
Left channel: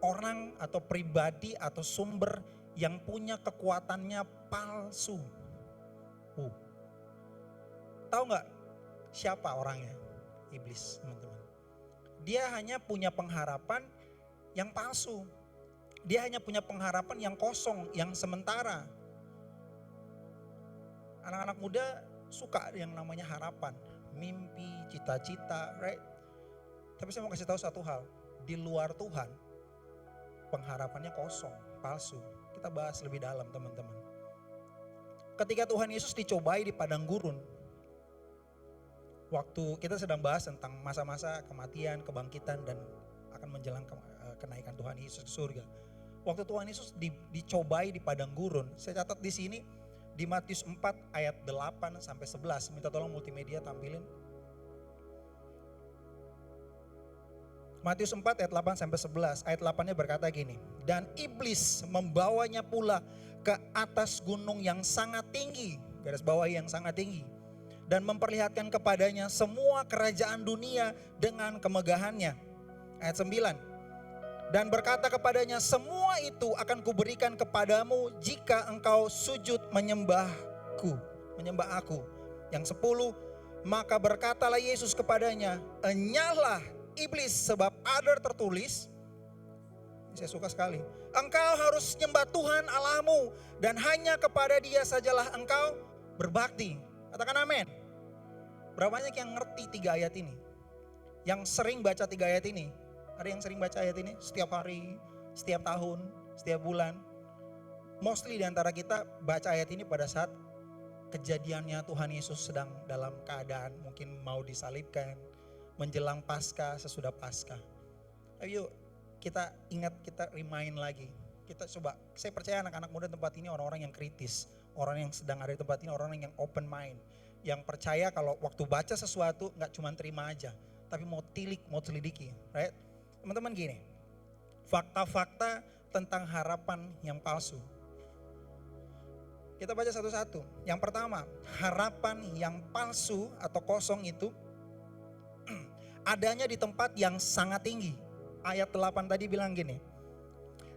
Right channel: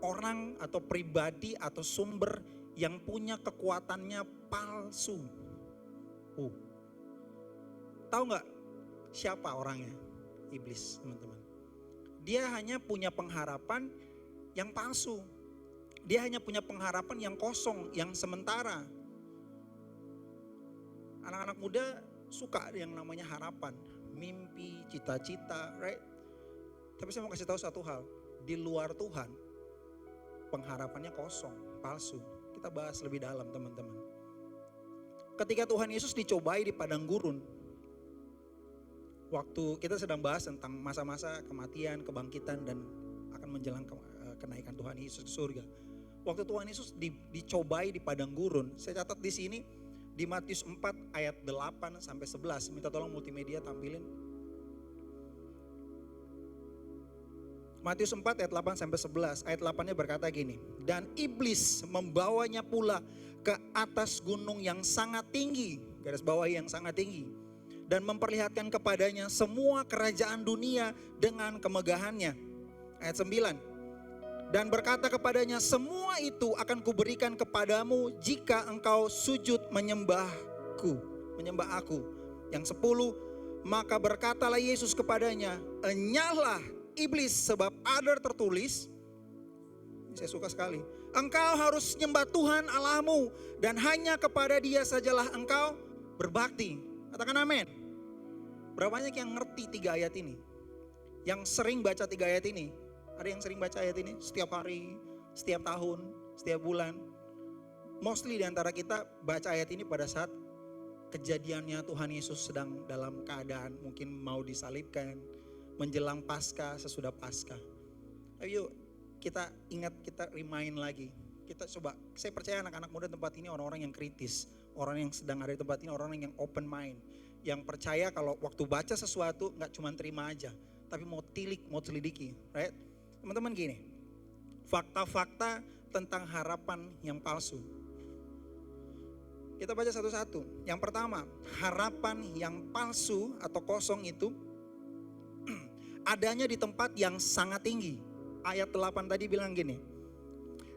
orang atau pribadi atau sumber yang punya kekuatannya palsu. Tahu nggak siapa orangnya? Iblis, teman-teman. Dia hanya punya pengharapan yang palsu. Dia hanya punya pengharapan yang kosong, yang sementara. Anak-anak muda suka yang namanya harapan, mimpi, cita-cita, right? Tapi saya mau kasih tahu satu hal, di luar Tuhan pengharapannya kosong, palsu. Kita bahas lebih dalam teman-teman. Ketika Tuhan Yesus dicobai di padang gurun, waktu kita sedang bahas tentang masa-masa kematian, kebangkitan dan akan menjelang kenaikan Tuhan Yesus ke surga. Waktu Tuhan Yesus dicobai di padang gurun, saya catat di sini di Matius 4 ayat 8 sampai 11. Minta tolong multimedia tampilin. Matius 4 ayat 8 sampai 11. Ayat 8-nya berkata gini, dan iblis membawanya pula ke atas gunung yang sangat tinggi, garis bawahi yang sangat tinggi, dan memperlihatkan kepadanya semua kerajaan dunia dengan kemegahannya. Ayat 9. Dan berkata kepadanya, semua itu akan kuberikan kepadamu jika engkau sujud menyembahku, menyembah aku. Yang 10, maka berkatalah Yesus kepadanya, enyahlah iblis, sebab ada tertulis, saya suka sekali, engkau harus nyembah Tuhan Allahmu dan hanya kepada Dia sajalah engkau berbakti. Katakan amin. Berapa banyak yang ngerti 3 ayat ini? Yang sering baca 3 ayat ini? Ada yang sering baca ayat ini setiap hari, setiap tahun, setiap bulan. Mostly di antara kita baca ayat ini pada saat kejadiannya Tuhan Yesus sedang dalam keadaan mungkin mau disalibkan, menjelang Paskah, sesudah Paskah. Ayo kita ingat, kita remind lagi. Kita coba, saya percaya anak-anak muda tempat ini orang-orang yang kritis, orang yang sedang ada di tempat ini orang yang open mind, yang percaya kalau waktu baca sesuatu nggak cuma terima aja, tapi mau tilik, mau selidiki, right? Teman-teman gini, fakta-fakta tentang harapan yang palsu. Kita baca satu-satu. Yang pertama, harapan yang palsu atau kosong itu adanya di tempat yang sangat tinggi. Ayat 8 tadi bilang gini,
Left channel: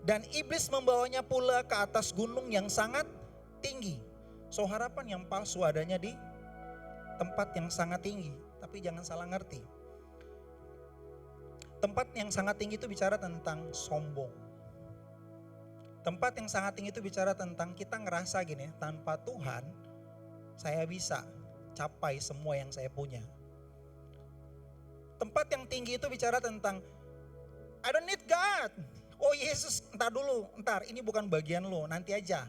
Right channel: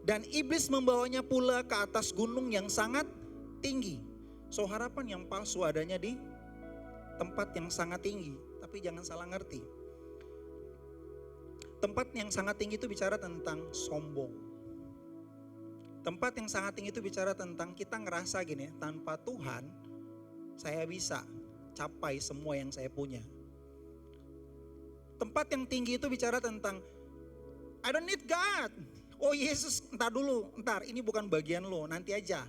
dan iblis membawanya pula ke atas gunung yang sangat tinggi. So harapan yang palsu adanya di tempat yang sangat tinggi. Tapi jangan salah ngerti. Tempat yang sangat tinggi itu bicara tentang sombong. Tempat yang sangat tinggi itu bicara tentang kita ngerasa gini, tanpa Tuhan saya bisa capai semua yang saya punya. Tempat yang tinggi itu bicara tentang I don't need God. Oh Yesus, entar dulu, ini bukan bagian lo, nanti aja.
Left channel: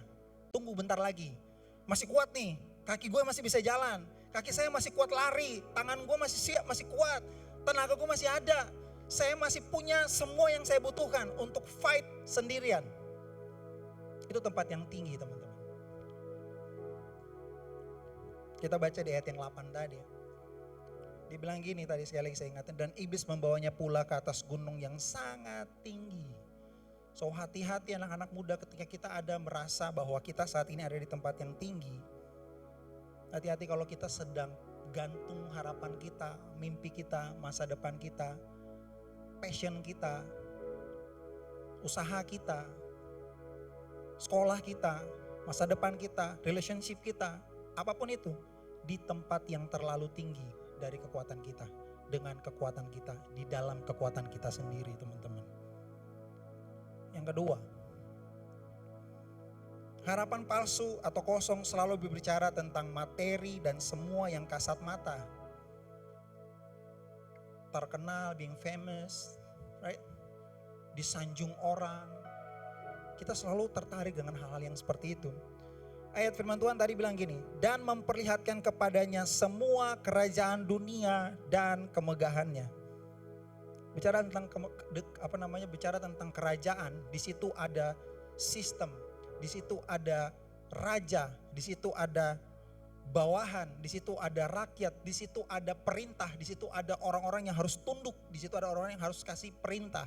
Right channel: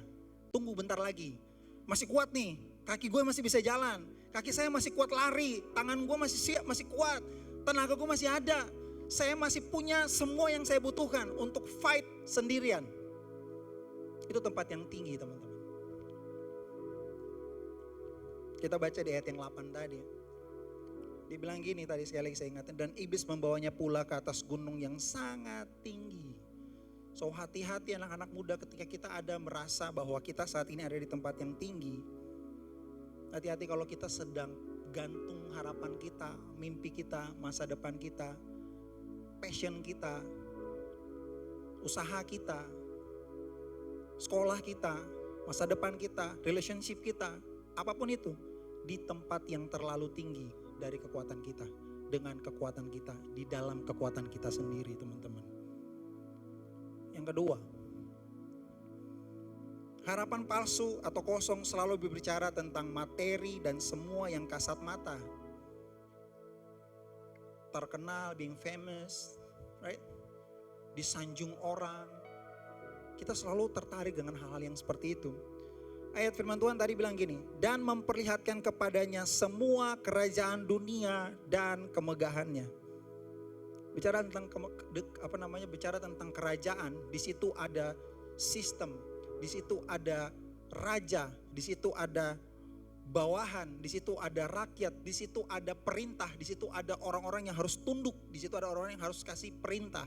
Tunggu bentar lagi. Masih kuat nih, kaki gue masih bisa jalan. Kaki saya masih kuat lari, tangan gue masih siap, masih kuat. Tenaga gue masih ada. Saya masih punya semua yang saya butuhkan untuk fight sendirian. Itu tempat yang tinggi teman-teman. Kita baca di ayat yang 8 tadi. Dibilang gini tadi, sekali lagi saya ingatkan. Dan iblis membawanya pula ke atas gunung yang sangat tinggi. So hati-hati anak-anak muda ketika kita ada merasa bahwa kita saat ini ada di tempat yang tinggi. Hati-hati kalau kita sedang gantung harapan kita, mimpi kita, masa depan kita, passion kita, usaha kita, sekolah kita, masa depan kita, relationship kita, apapun itu di tempat yang terlalu tinggi dari kekuatan kita, dengan kekuatan kita, di dalam kekuatan kita sendiri teman-teman. Yang kedua, harapan palsu atau kosong selalu berbicara tentang materi dan semua yang kasat mata. Terkenal, being famous, right? Disanjung orang. Kita selalu tertarik dengan hal-hal yang seperti itu. Ayat firman Tuhan tadi bilang gini, dan memperlihatkan kepadanya semua kerajaan dunia dan kemegahannya. Bicara tentang bicara tentang kerajaan, di situ ada sistem, di situ ada raja, di situ ada bawahan, di situ ada rakyat, di situ ada perintah, di situ ada orang-orang yang harus tunduk, di situ ada orang-orang yang harus kasih perintah.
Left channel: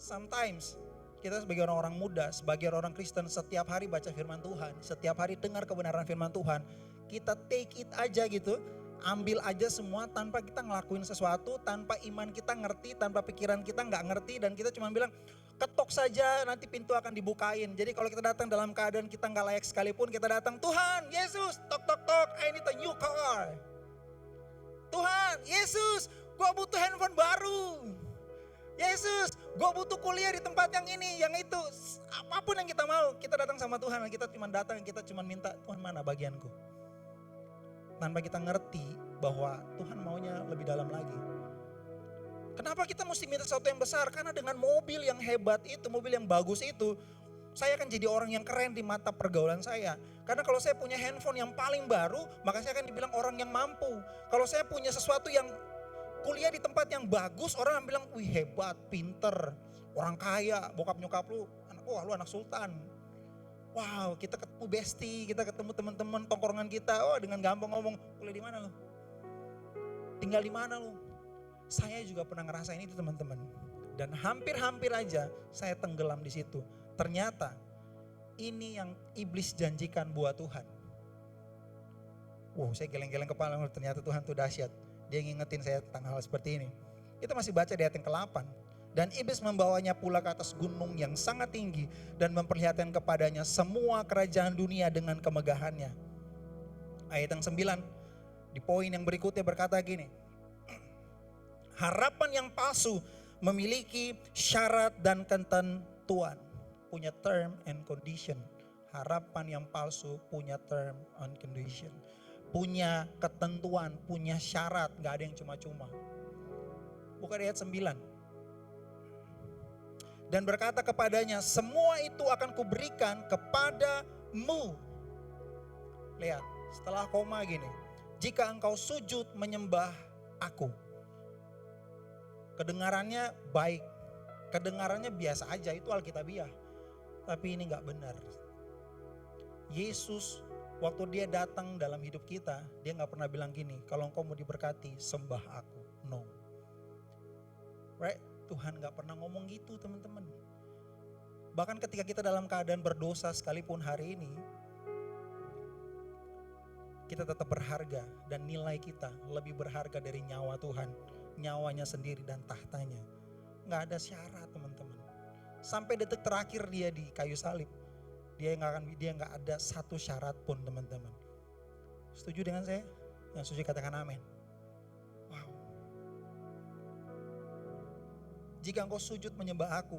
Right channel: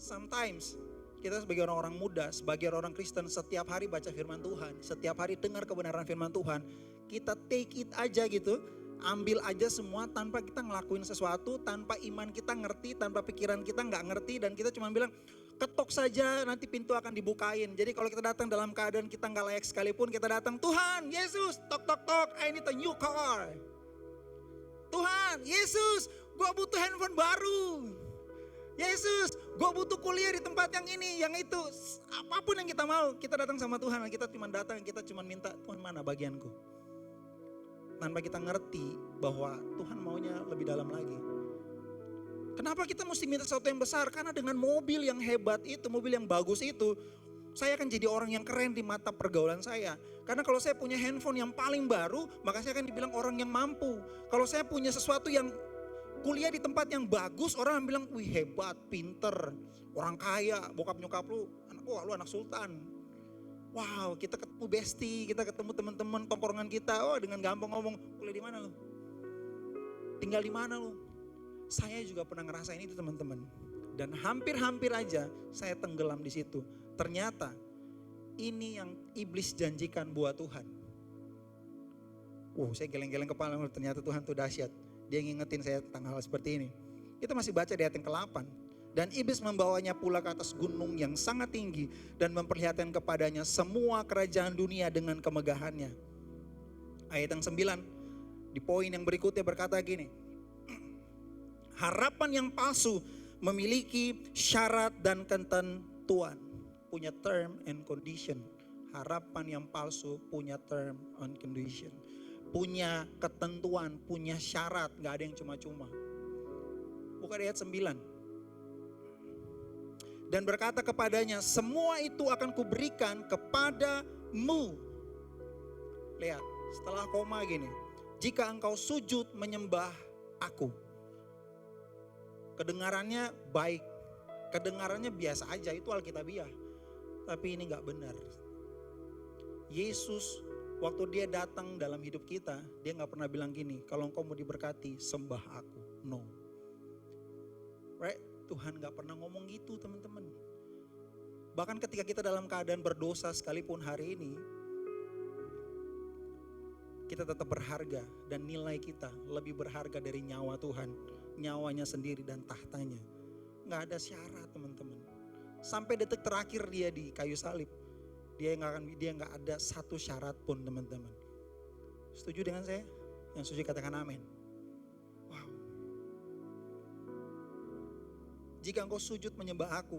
Sometimes kita sebagai orang-orang muda, sebagai orang Kristen, setiap hari baca firman Tuhan, setiap hari dengar kebenaran firman Tuhan, kita take it aja gitu, ambil aja semua tanpa kita ngelakuin sesuatu, tanpa iman kita ngerti, tanpa pikiran kita nggak ngerti, dan kita cuma bilang ketok saja nanti pintu akan dibukain. Jadi kalau kita datang dalam keadaan kita nggak layak sekalipun, kita datang, Tuhan Yesus, tok tok tok, I need a new car. Tuhan Yesus, gua butuh handphone baru. Yesus, gue butuh kuliah di tempat yang ini, yang itu. Apapun yang kita mau, kita datang sama Tuhan. Kita cuma datang, kita cuma minta, Tuhan mana bagianku. Tanpa kita ngerti bahwa Tuhan maunya lebih dalam lagi. Kenapa kita mesti minta sesuatu yang besar? Karena dengan mobil yang hebat itu, mobil yang bagus itu, saya akan jadi orang yang keren di mata pergaulan saya. Karena kalau saya punya handphone yang paling baru, maka saya akan dibilang orang yang mampu. Kalau saya punya sesuatu yang kuliah di tempat yang bagus, orang bilang, wih hebat, pinter, orang kaya, bokap nyokap lu, wah lu anak sultan. Wow, kita ketemu bestie, kita ketemu teman-teman tongkrongan kita, oh dengan gampang ngomong, kuliah di mana lu? Tinggal di mana lu? Saya juga pernah ngerasain itu teman-teman. Dan hampir-hampir aja saya tenggelam di situ. Ternyata ini yang iblis janjikan buat Tuhan. Saya geleng-geleng kepala, ternyata Tuhan tuh dahsyat. Dia ngingetin saya tentang hal seperti ini. Kita masih baca di ayat yang ke-8. Dan iblis membawanya pula ke atas gunung yang sangat tinggi dan memperlihatkan kepadanya semua kerajaan dunia dengan kemegahannya. Ayat yang 9, di poin yang berikutnya berkata gini. Harapan yang palsu memiliki syarat dan ketentuan. Punya term and condition. Harapan yang palsu punya term and condition. Punya ketentuan, punya syarat, gak ada yang cuma-cuma. Buka di ayat 9. Dan berkata kepadanya, semua itu akan kuberikan kepadamu. Lihat, setelah koma gini. Jika engkau sujud menyembah aku. Kedengarannya baik. Kedengarannya biasa aja, itu alkitabiah. Tapi ini gak benar. Yesus waktu dia datang dalam hidup kita, dia gak pernah bilang gini, kalau engkau mau diberkati, sembah aku. No. Right? Tuhan gak pernah ngomong gitu teman-teman. Bahkan ketika kita dalam keadaan berdosa sekalipun hari ini, kita tetap berharga dan nilai kita lebih berharga dari nyawa Tuhan. Nyawanya sendiri dan tahtanya. Gak ada syarat teman-teman. Sampai detik terakhir dia di kayu salib. Dia gak ada satu syarat pun teman-teman. Setuju dengan saya? Yang setuju katakan amin. Wow. Jika engkau sujud menyembah aku.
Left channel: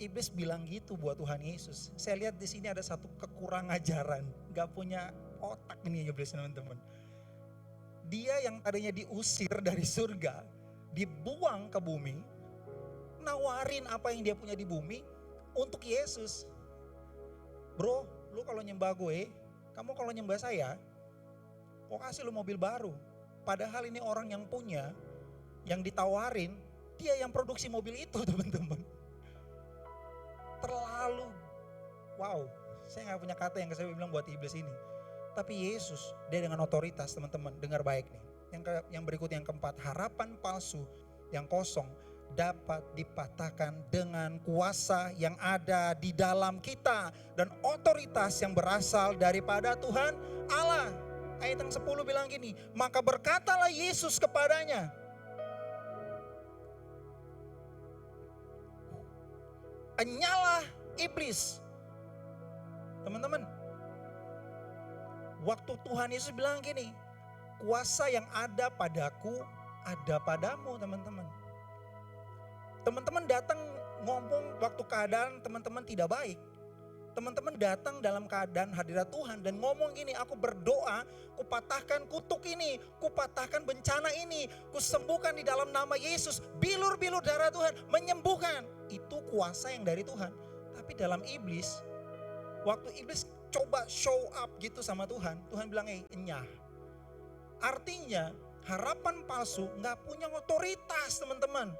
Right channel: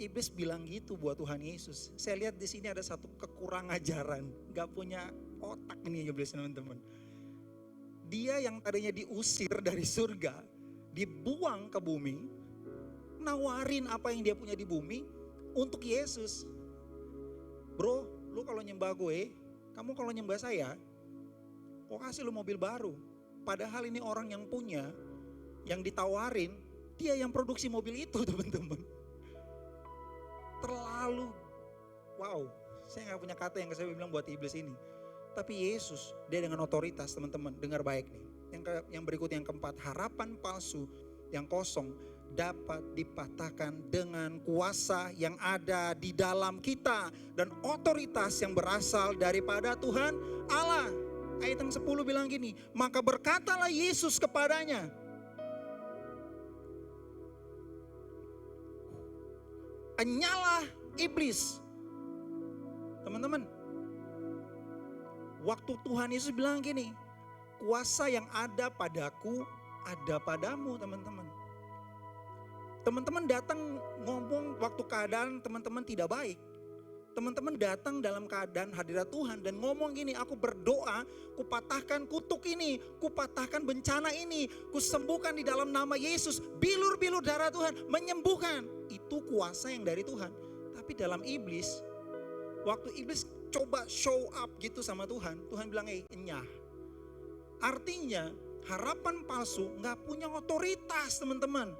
Iblis bilang gitu buat Tuhan Yesus. Saya lihat di sini ada satu kekurang ajaran. Gak punya otak ini iblis teman-teman. Dia yang tadinya diusir dari surga, dibuang ke bumi, nawarin apa yang dia punya di bumi untuk Yesus. Bro, lu kalau nyembah gue, kamu kalau nyembah saya, kok kasih lu mobil baru. Padahal ini orang yang punya, yang ditawarin, dia yang produksi mobil itu teman-teman. Terlalu, wow, saya gak punya kata yang saya bilang buat iblis ini. Tapi Yesus, dia dengan otoritas teman-teman, dengar baik nih. Yang berikut yang keempat, harapan palsu yang kosong dapat dipatahkan dengan kuasa yang ada di dalam kita. Dan otoritas yang berasal daripada Tuhan Allah. Ayat yang 10 bilang gini, maka berkatalah Yesus kepadanya. Enyalah iblis. Teman-teman, waktu Tuhan Yesus bilang gini, kuasa yang ada padaku ada padamu teman-teman. Teman-teman datang ngomong waktu keadaan teman-teman tidak baik. Teman-teman datang dalam keadaan hadirat Tuhan dan ngomong gini, aku berdoa, kupatahkan kutuk ini, kupatahkan bencana ini, kusembuhkan di dalam nama Yesus, bilur-bilur darah Tuhan menyembuhkan. Itu kuasa yang dari Tuhan. Tapi dalam iblis, waktu iblis coba show up gitu sama Tuhan, Tuhan bilang enyah. Artinya harapan palsu gak punya otoritas teman-teman.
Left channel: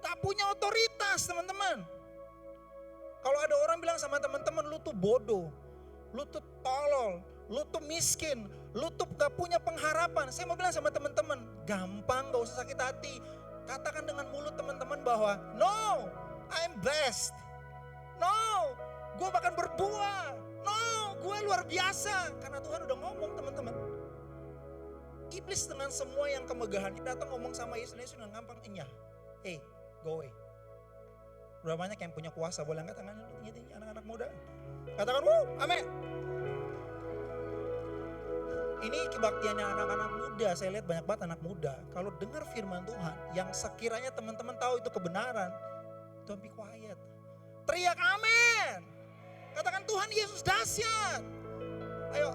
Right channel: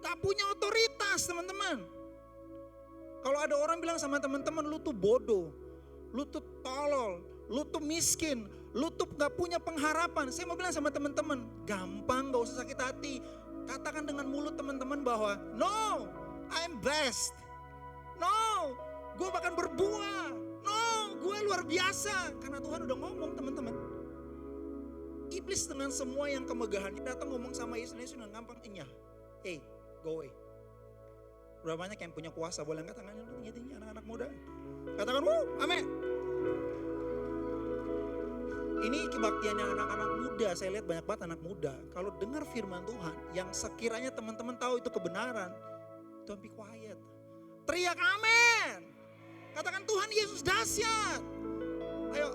Gak punya otoritas teman-teman. Kalau ada orang bilang sama teman-teman, lu tuh bodoh, lu tuh tolol, lu tuh miskin, lu tuh gak punya pengharapan. Saya mau bilang sama teman-teman, gampang gak usah sakit hati. Katakan dengan mulut teman-teman bahwa, no, I'm blessed. No, gue bahkan berbuah. No, gue luar biasa. Karena Tuhan udah ngomong teman-teman. Iblis dengan semua yang kemegahannya datang ngomong sama Yesus dengan gampang, enyah. Hey, go away. Berapa banyak yang punya kuasa, boleh angkat tangannya dulu tinggi-tinggi anak-anak muda. Katakan, amin. Ini kebaktiannya anak-anak muda, saya lihat banyak banget anak muda. Kalau dengar firman Tuhan, yang sekiranya teman-teman tahu itu kebenaran, don't be quiet. Teriak amin. Katakan Tuhan Yesus dahsyat. Ayo,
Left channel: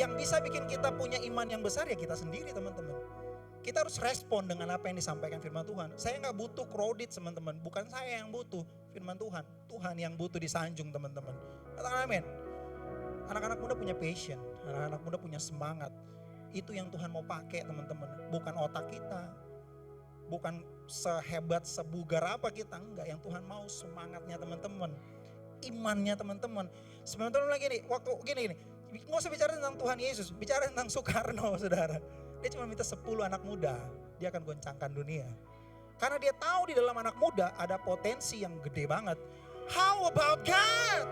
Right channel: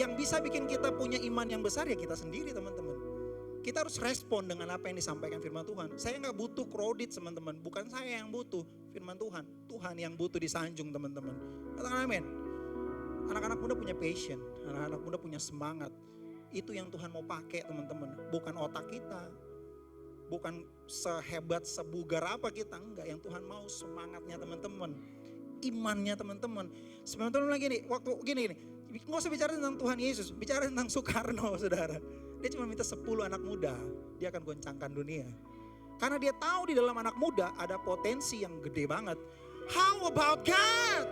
yang bisa bikin kita punya iman yang besar ya kita sendiri teman-teman. Kita harus respon dengan apa yang disampaikan firman Tuhan. Saya gak butuh kredit teman-teman, bukan saya yang butuh firman Tuhan. Tuhan yang butuh disanjung teman-teman. Katakan amin. Anak-anak muda punya passion, anak-anak muda punya semangat. Itu yang Tuhan mau pakai teman-teman. Bukan otak kita, bukan sehebat, sebugar apa kita. Enggak, yang Tuhan mau semangatnya teman-teman. Imannya teman-teman. Sebenarnya Tuhan bilang gini, waktu gini. Nggak usah bicara tentang Tuhan Yesus, bicara tentang Soekarno saudara. Dia cuma minta 10 anak muda, dia akan goncangkan dunia. Karena dia tahu di dalam anak muda ada potensi yang gede banget. How about God?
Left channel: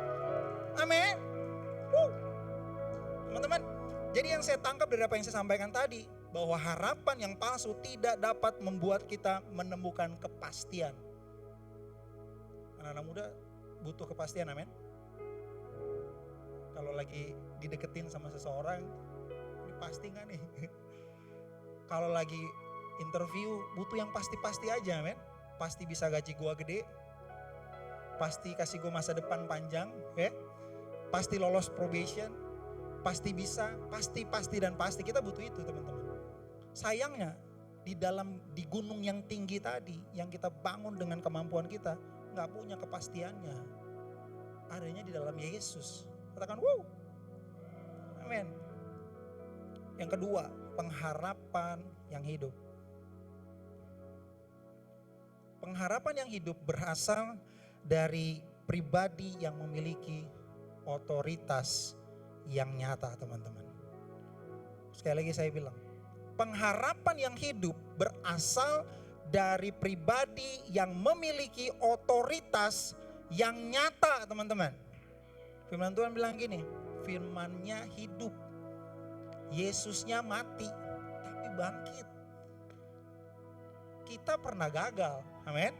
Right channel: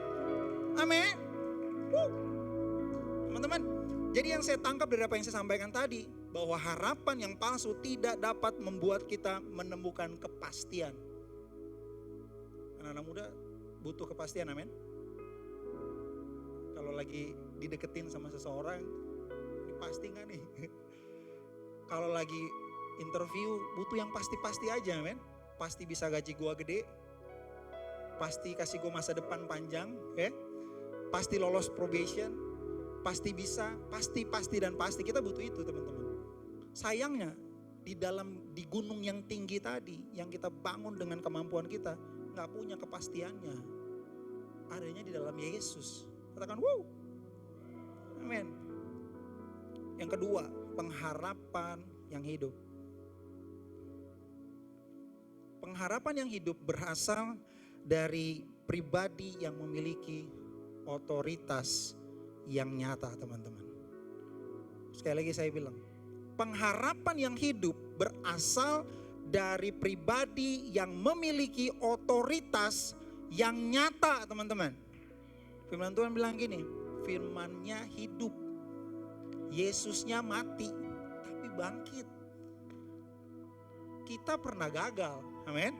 Amin. Teman-teman, jadi yang saya tangkap dari apa yang saya sampaikan tadi, bahwa harapan yang palsu tidak dapat membuat kita menemukan kepastian. Anak-anak muda butuh kepastian, amin. Kalau lagi dideketin sama seseorang, ini pasti gak nih? Kalau lagi interview butuh yang pasti-pasti aja, men. Pasti bisa gaji gua gede, pasti kasih gua masa depan panjang, ya. Pasti lolos probation, pasti bisa, pasti dan pasti. Kita butuh itu teman-teman. Sayangnya di gunung yang tinggi tadi, yang kita bangun dengan kemampuan kita, gak punya kepastiannya. Adanya di dalam Yesus. Katakan, amin. Yang kedua, pengharapan yang hidup. Pengharapan yang hidup berasal dari pribadi yang memiliki otoritas yang nyata, teman-teman. Sekali lagi saya bilang, pengharapan yang hidup berasal dari pribadi yang memiliki otoritas yang nyata, teman-teman. Firman Tuhan bilang gini, firman-Nya hidup. Yesusnya mati, tapi bangkit. Kita pernah gagal, amin.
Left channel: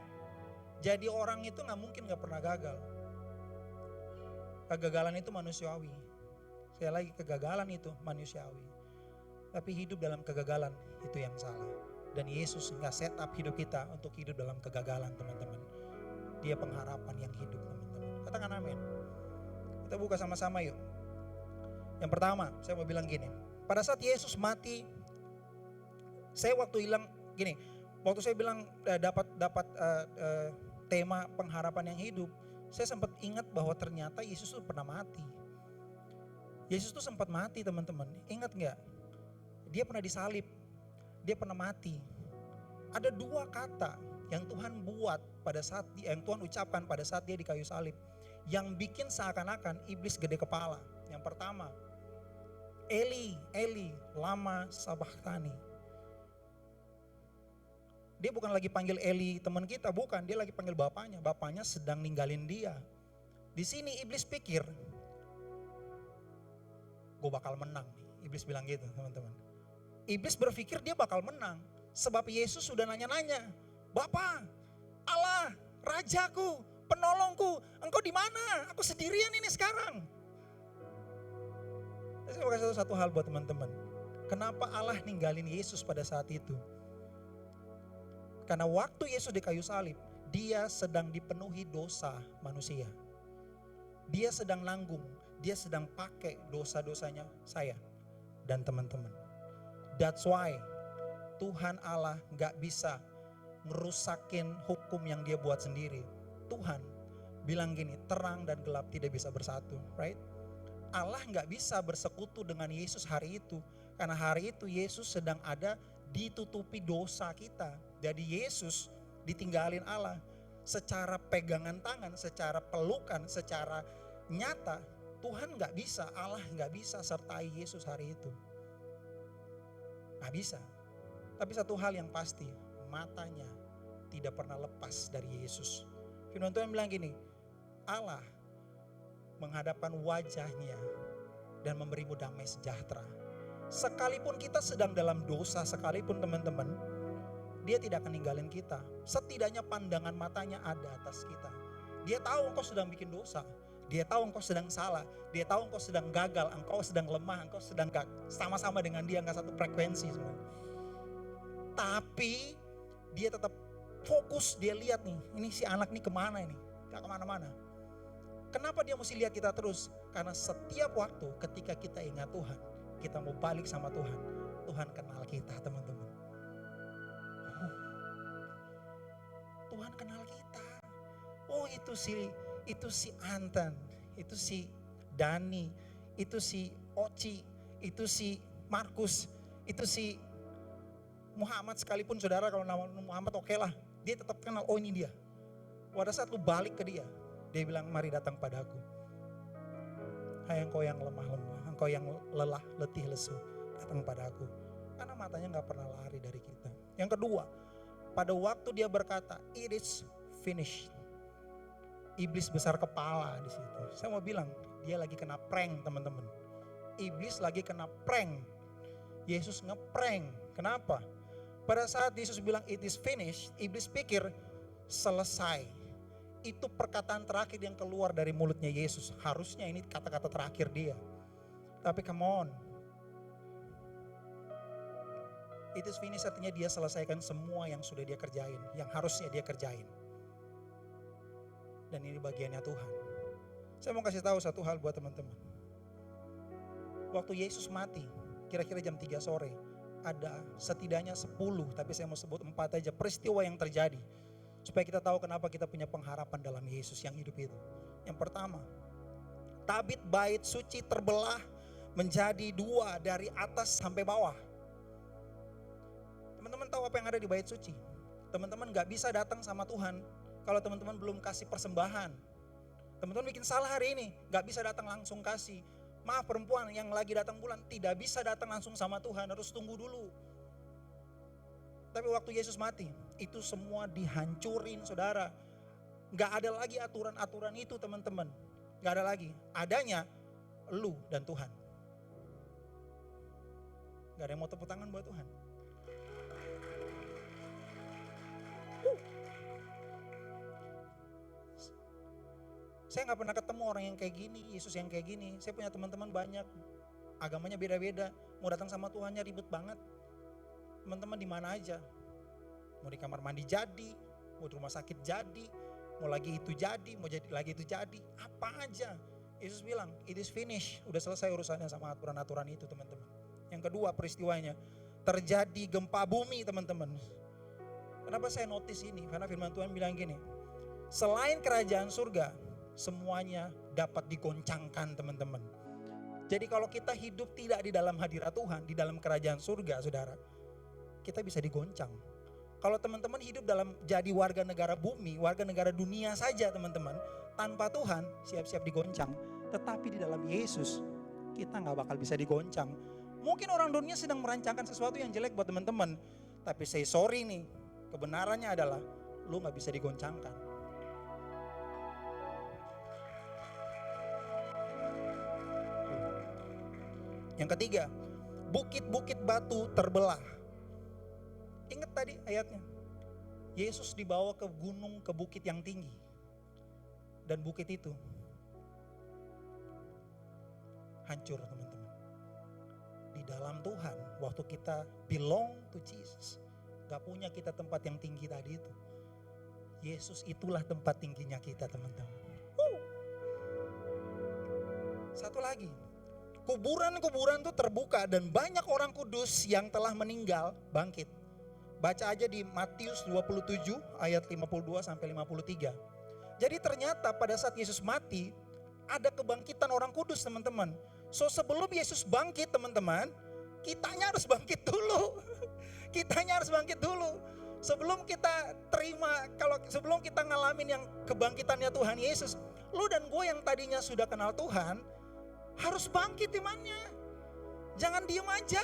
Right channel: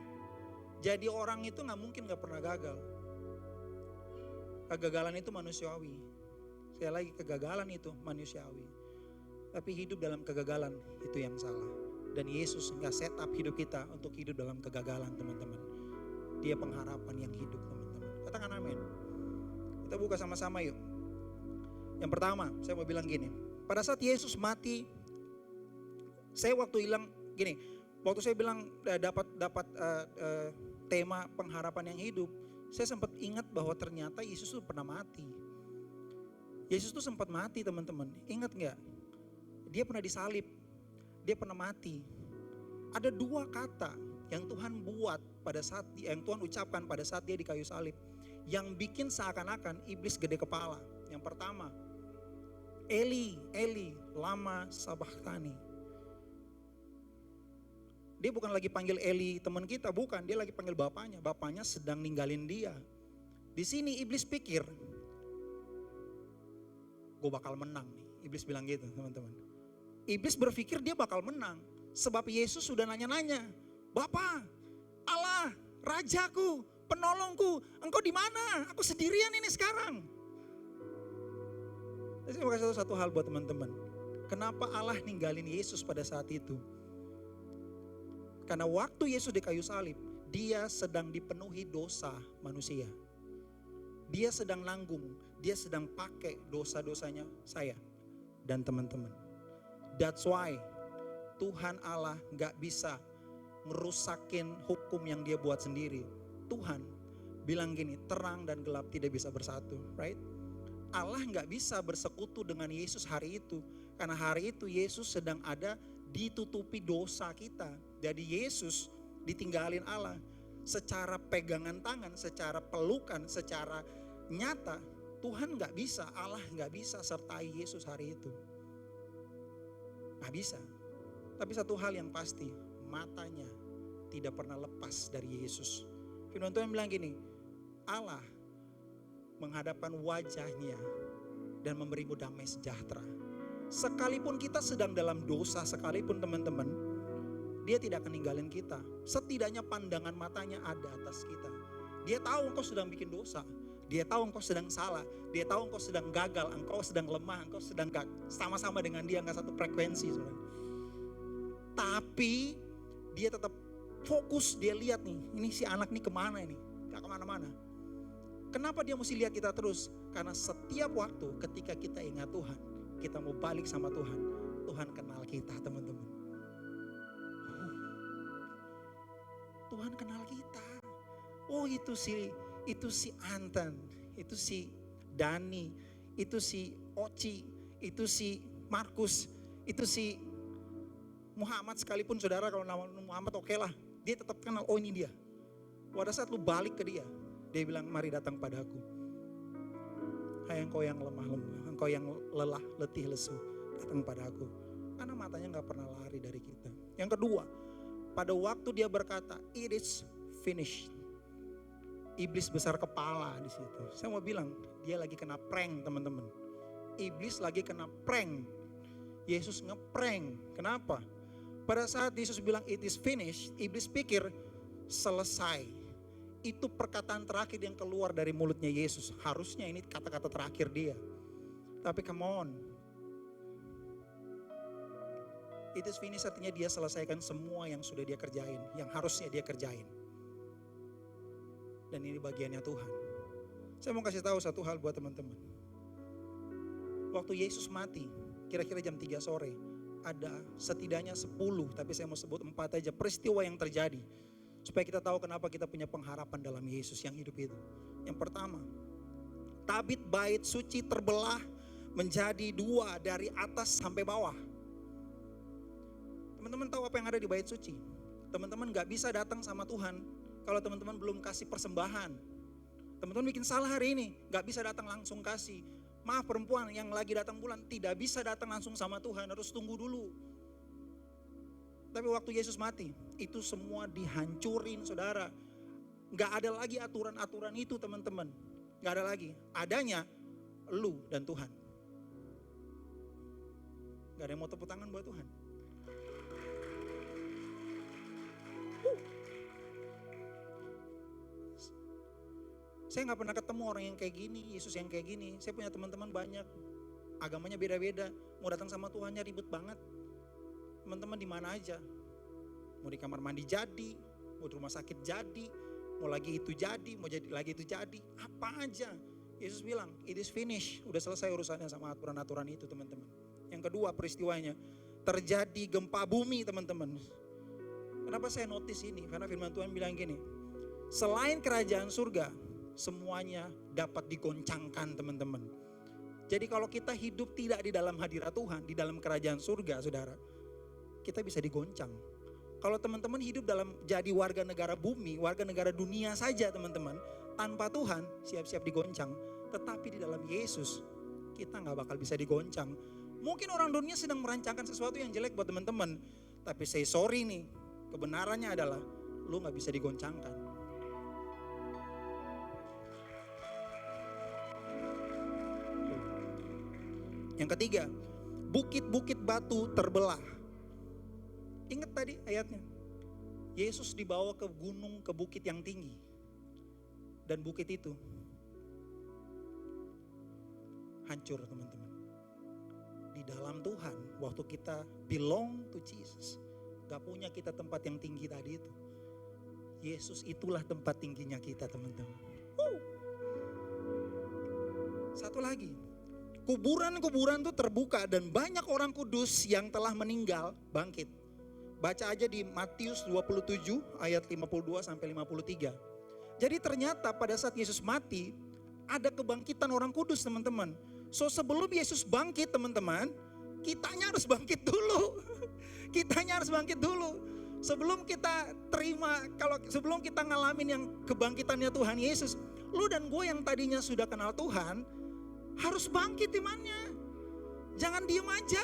Jadi orang itu gak mungkin gak pernah gagal. Kegagalan itu manusiawi. Sekali lagi, kegagalan itu manusiawi. Tapi hidup dalam kegagalan itu yang salah. Dan Yesus gak set up hidup kita untuk hidup dalam kegagalan, teman-teman. Dia pengharapan yang hidup, teman-teman. Katakan amin. Kita buka sama-sama yuk. Yang pertama, saya mau bilang gini. Pada saat Yesus mati, saya waktu saya bilang dapat tema pengharapan yang hidup, saya sempat ingat bahwa ternyata Yesus tuh pernah mati. Yesus tuh sempat mati, teman-teman. Ingat nggak? Dia pernah disalib, dia pernah mati. Ada dua kata yang Tuhan buat pada saat yang Tuhan ucapkan pada saat dia di kayu salib, yang bikin seakan-akan iblis gede kepala. Yang pertama, Eli, Eli, lama sabachthani. Dia bukan lagi panggil Eli teman kita, bukan. Dia lagi panggil bapaknya. Bapaknya sedang ninggalin dia. Di sini iblis pikir, gue bakal menang nih. Iblis bilang gitu, teman-teman. Iblis berpikir dia bakal menang. Sebab Yesus sudah nanya-nanya, Bapa, Allah, Rajaku, penolongku, engkau di mana? Aku sendirian ini sekarang. Saya mau kasih tahu satu hal buat teman-teman. Kenapa Allah ninggalin Yesus pada saat itu? Karena waktu Yesus di kayu salib, dia sedang dipenuhi dosa manusia. Dia sedang nanggung, dia sedang pakai dosa-dosanya saya dan teman-teman. That's why Tuhan Allah gak bisa ngerusakin hukum yang dia buat sendiri. Tuhan bilang gini, terang dan gelap tidak bisa bersatu, right? Allah gak bisa bersekutu dengan Yesus hari itu. Karena hari itu Yesus sedang ada ditutupi dosa kita. Jadi Yesus ditinggalin Allah. Secara pegangan tangan, secara pelukan, secara nyata, Tuhan gak bisa, Allah gak bisa sertai Yesus hari itu. Gak bisa. Tapi satu hal yang pasti, matanya tidak pernah lepas dari Yesus. Firman Tuhan bilang gini, Allah menghadapkan wajahnya dan memberimu damai sejahtera. Sekalipun kita sedang dalam dosa, sekalipun teman-teman, dia tidak akan ninggalin kita. Setidaknya pandangan matanya ada atas kita. Dia tahu engkau sedang bikin dosa. Dia tahu engkau sedang salah. Dia tahu engkau sedang gagal, engkau sedang lemah, engkau sedang sama-sama dengan dia, enggak satu frekuensi. Tapi dia tetap fokus, dia lihat nih, ini si anak nih kemana ini, gak kemana-mana. Kenapa dia mesti lihat kita terus? Karena setiap waktu ketika kita ingat Tuhan, kita mau balik sama Tuhan, Tuhan kenal kita, teman-teman. Tuhan kenal kita. Oh itu si Anton, itu si Dani, itu si Oci, itu si Markus, itu si Muhammad, sekalipun saudara kalau nama Muhammad oke lah, dia tetap kenal, oh ini dia. Pada saat lu balik ke dia bilang mari datang padaku. Hai engkau yang lemah-lemah, engkau yang lelah, letih, lesu, datang padaku. Karena matanya gak pernah lari dari kita. Yang kedua, pada waktu dia berkata, it is finished. Iblis besar kepala di situ. Saya mau bilang, dia lagi kena prank, teman-teman. Iblis lagi kena prank. Yesus ngeprank. Kenapa? Pada saat Yesus bilang it is finished, iblis pikir selesai. Itu perkataan terakhir yang keluar dari mulutnya Yesus. Harusnya ini kata-kata terakhir dia. Tapi come on. It is finished artinya dia selesaikan semua yang sudah dia kerjain. Yang harusnya dia kerjain. Dan ini bagiannya Tuhan. Saya mau kasih tahu satu hal buat teman-teman. Waktu Yesus mati, kira-kira jam 3 sore. Ada setidaknya 10, tapi saya mau sebut 4 aja peristiwa yang terjadi. Supaya kita tahu kenapa kita punya pengharapan dalam Yesus yang hidup itu. Yang pertama, tabit bait suci terbelah, menjadi dua dari atas sampai bawah. Teman-teman tahu apa yang ada di bait suci? Teman-teman gak bisa datang sama Tuhan kalau teman-teman belum kasih persembahan. Teman-teman bikin salah hari ini, gak bisa datang langsung kasih. Maaf, perempuan yang lagi datang bulan tidak bisa datang langsung sama Tuhan, harus tunggu dulu. Tapi waktu Yesus mati, itu semua dihancurin saudara. Gak ada lagi aturan-aturan itu teman-teman. Gak ada lagi, adanya lu dan Tuhan. Gak ada yang mau tepuk tangan buat Tuhan. Saya gak pernah ketemu orang yang kayak gini, Yesus yang kayak gini. Saya punya teman-teman banyak, agamanya beda-beda. Mau datang sama Tuhannya ribet banget. Teman-teman di mana aja. Mau di kamar mandi jadi, mau di rumah sakit jadi, mau lagi itu jadi, mau jadi lagi itu jadi. Apa aja. Yesus bilang, it is finished. Udah selesai urusannya sama aturan-aturan itu teman-teman. Yang kedua peristiwanya, terjadi gempa bumi teman-teman. Kenapa saya notice ini? Karena firman Tuhan bilang gini, selain kerajaan surga, semuanya dapat digoncangkan teman-teman. Jadi kalau kita hidup tidak di dalam hadirat Tuhan, di dalam kerajaan surga saudara, kita bisa digoncang. Kalau teman-teman hidup dalam jadi warga negara bumi, warga negara dunia saja teman-teman, tanpa Tuhan siap-siap digoncang. Tetapi di dalam Yesus kita gak bakal bisa digoncang. Mungkin orang dunia sedang merancangkan sesuatu yang jelek buat teman-teman, tapi say sorry nih, kebenarannya adalah lu gak bisa digoncangkan. Yang ketiga, bukit-bukit batu terbelah. Ingat tadi ayatnya, Yesus dibawa ke gunung, ke bukit yang tinggi. Dan bukit itu hancur teman-teman. Di dalam Tuhan, waktu kita belong to Jesus, gak punya kita tempat yang tinggi tadi itu. Yesus itulah tempat tingginya kita teman-teman. Satu lagi, kuburan-kuburan itu terbuka dan banyak orang kudus yang telah meninggal bangkit. Baca aja di Matius 27 ayat 52 sampai 53. Jadi ternyata pada saat Yesus mati ada kebangkitan orang kudus teman-teman. So sebelum Yesus bangkit teman-teman, kitanya harus bangkit dulu. Kitanya harus bangkit dulu. Sebelum kita terima, sebelum kita ngalamin yang kebangkitannya Tuhan Yesus, lu dan gue yang tadinya sudah kenal Tuhan harus bangkit imannya. Jangan diem aja.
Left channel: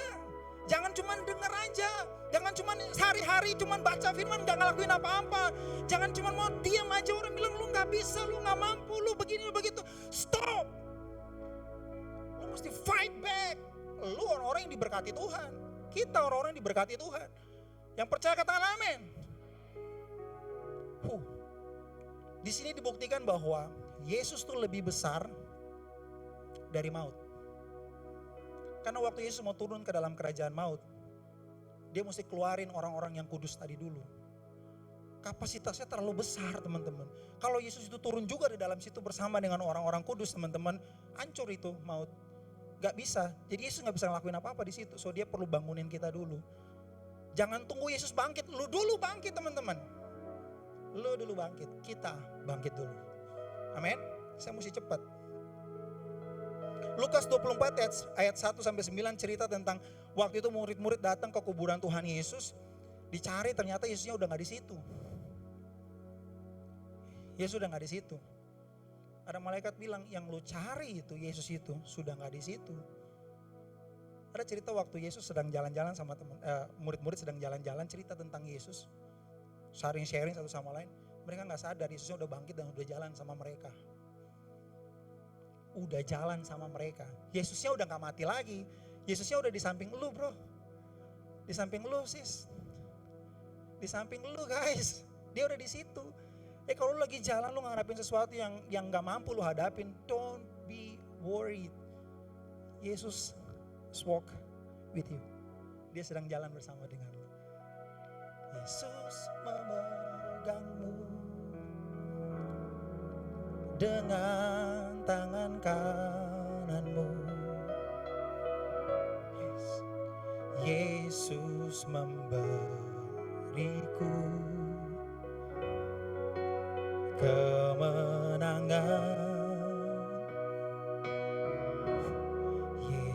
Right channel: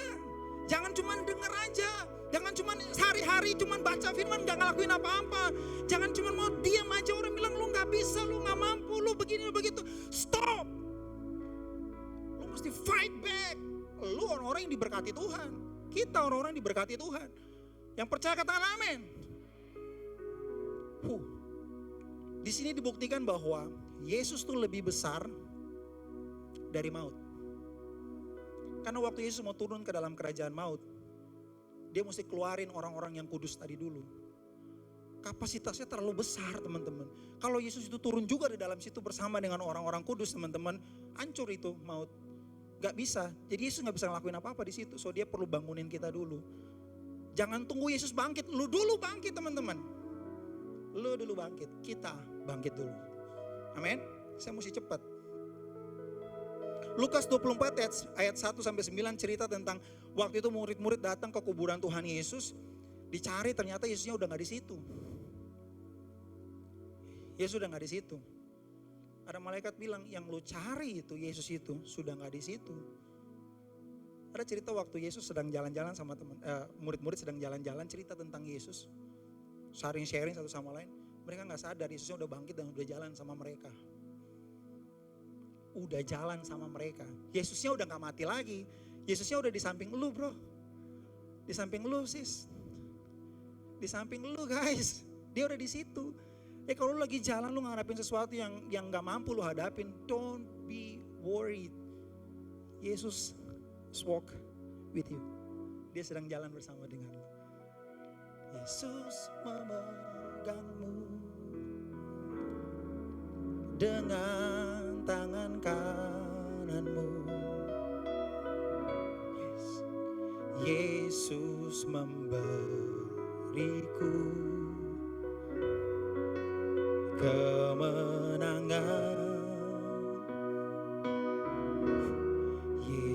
Jangan cuma denger aja. Jangan cuma sehari-hari cuma baca firman gak ngelakuin apa-apa. Jangan cuma mau diem aja, orang bilang lu gak bisa, lu gak mampu, lu begini, lu begitu. Stop. Lu mesti fight back. Lu orang-orang yang diberkati Tuhan. Kita orang-orang yang diberkati Tuhan. Yang percaya katakan amin. Di sini dibuktikan bahwa Yesus tuh lebih besar dari maut. Karena waktu Yesus mau turun ke dalam kerajaan maut, dia mesti keluarin orang-orang yang kudus tadi dulu. Kapasitasnya terlalu besar teman-teman. Kalau Yesus itu turun juga di dalam situ bersama dengan orang-orang kudus teman-teman, hancur itu maut. Gak bisa. Jadi Yesus gak bisa ngelakuin apa-apa di situ. So dia perlu bangunin kita dulu. Jangan tunggu Yesus bangkit, lu dulu bangkit teman-teman. Lu dulu bangkit, kita bangkit dulu. Amin. Saya mesti cepat. Lukas 24 ayat 1 sampai 9 cerita tentang waktu itu murid-murid datang ke kuburan Tuhan Yesus, dicari ternyata Yesusnya udah gak di situ. Yesus udah gak di situ. Ada malaikat bilang yang lu cari itu Yesus itu sudah gak di situ. Ada cerita waktu Yesus sedang jalan-jalan sama murid-murid sedang jalan-jalan, cerita tentang Yesus, sharing satu sama lain. Mereka gak sadar Yesusnya udah bangkit dan udah jalan sama mereka. Udah jalan sama mereka. Yesusnya udah gak mati lagi. Yesusnya udah di samping lu bro. Di samping lu sis. Di samping lu guys. Dia udah di situ. Kalau lu lagi jalan lu ngarepin sesuatu yang gak mampu lu hadapin, don't be worried. Yesus walk with you. Dia sedang jalan bersama dengan lu. Yesus memegangmu dengan tangan kananmu. Yesus memberiku kemenangan.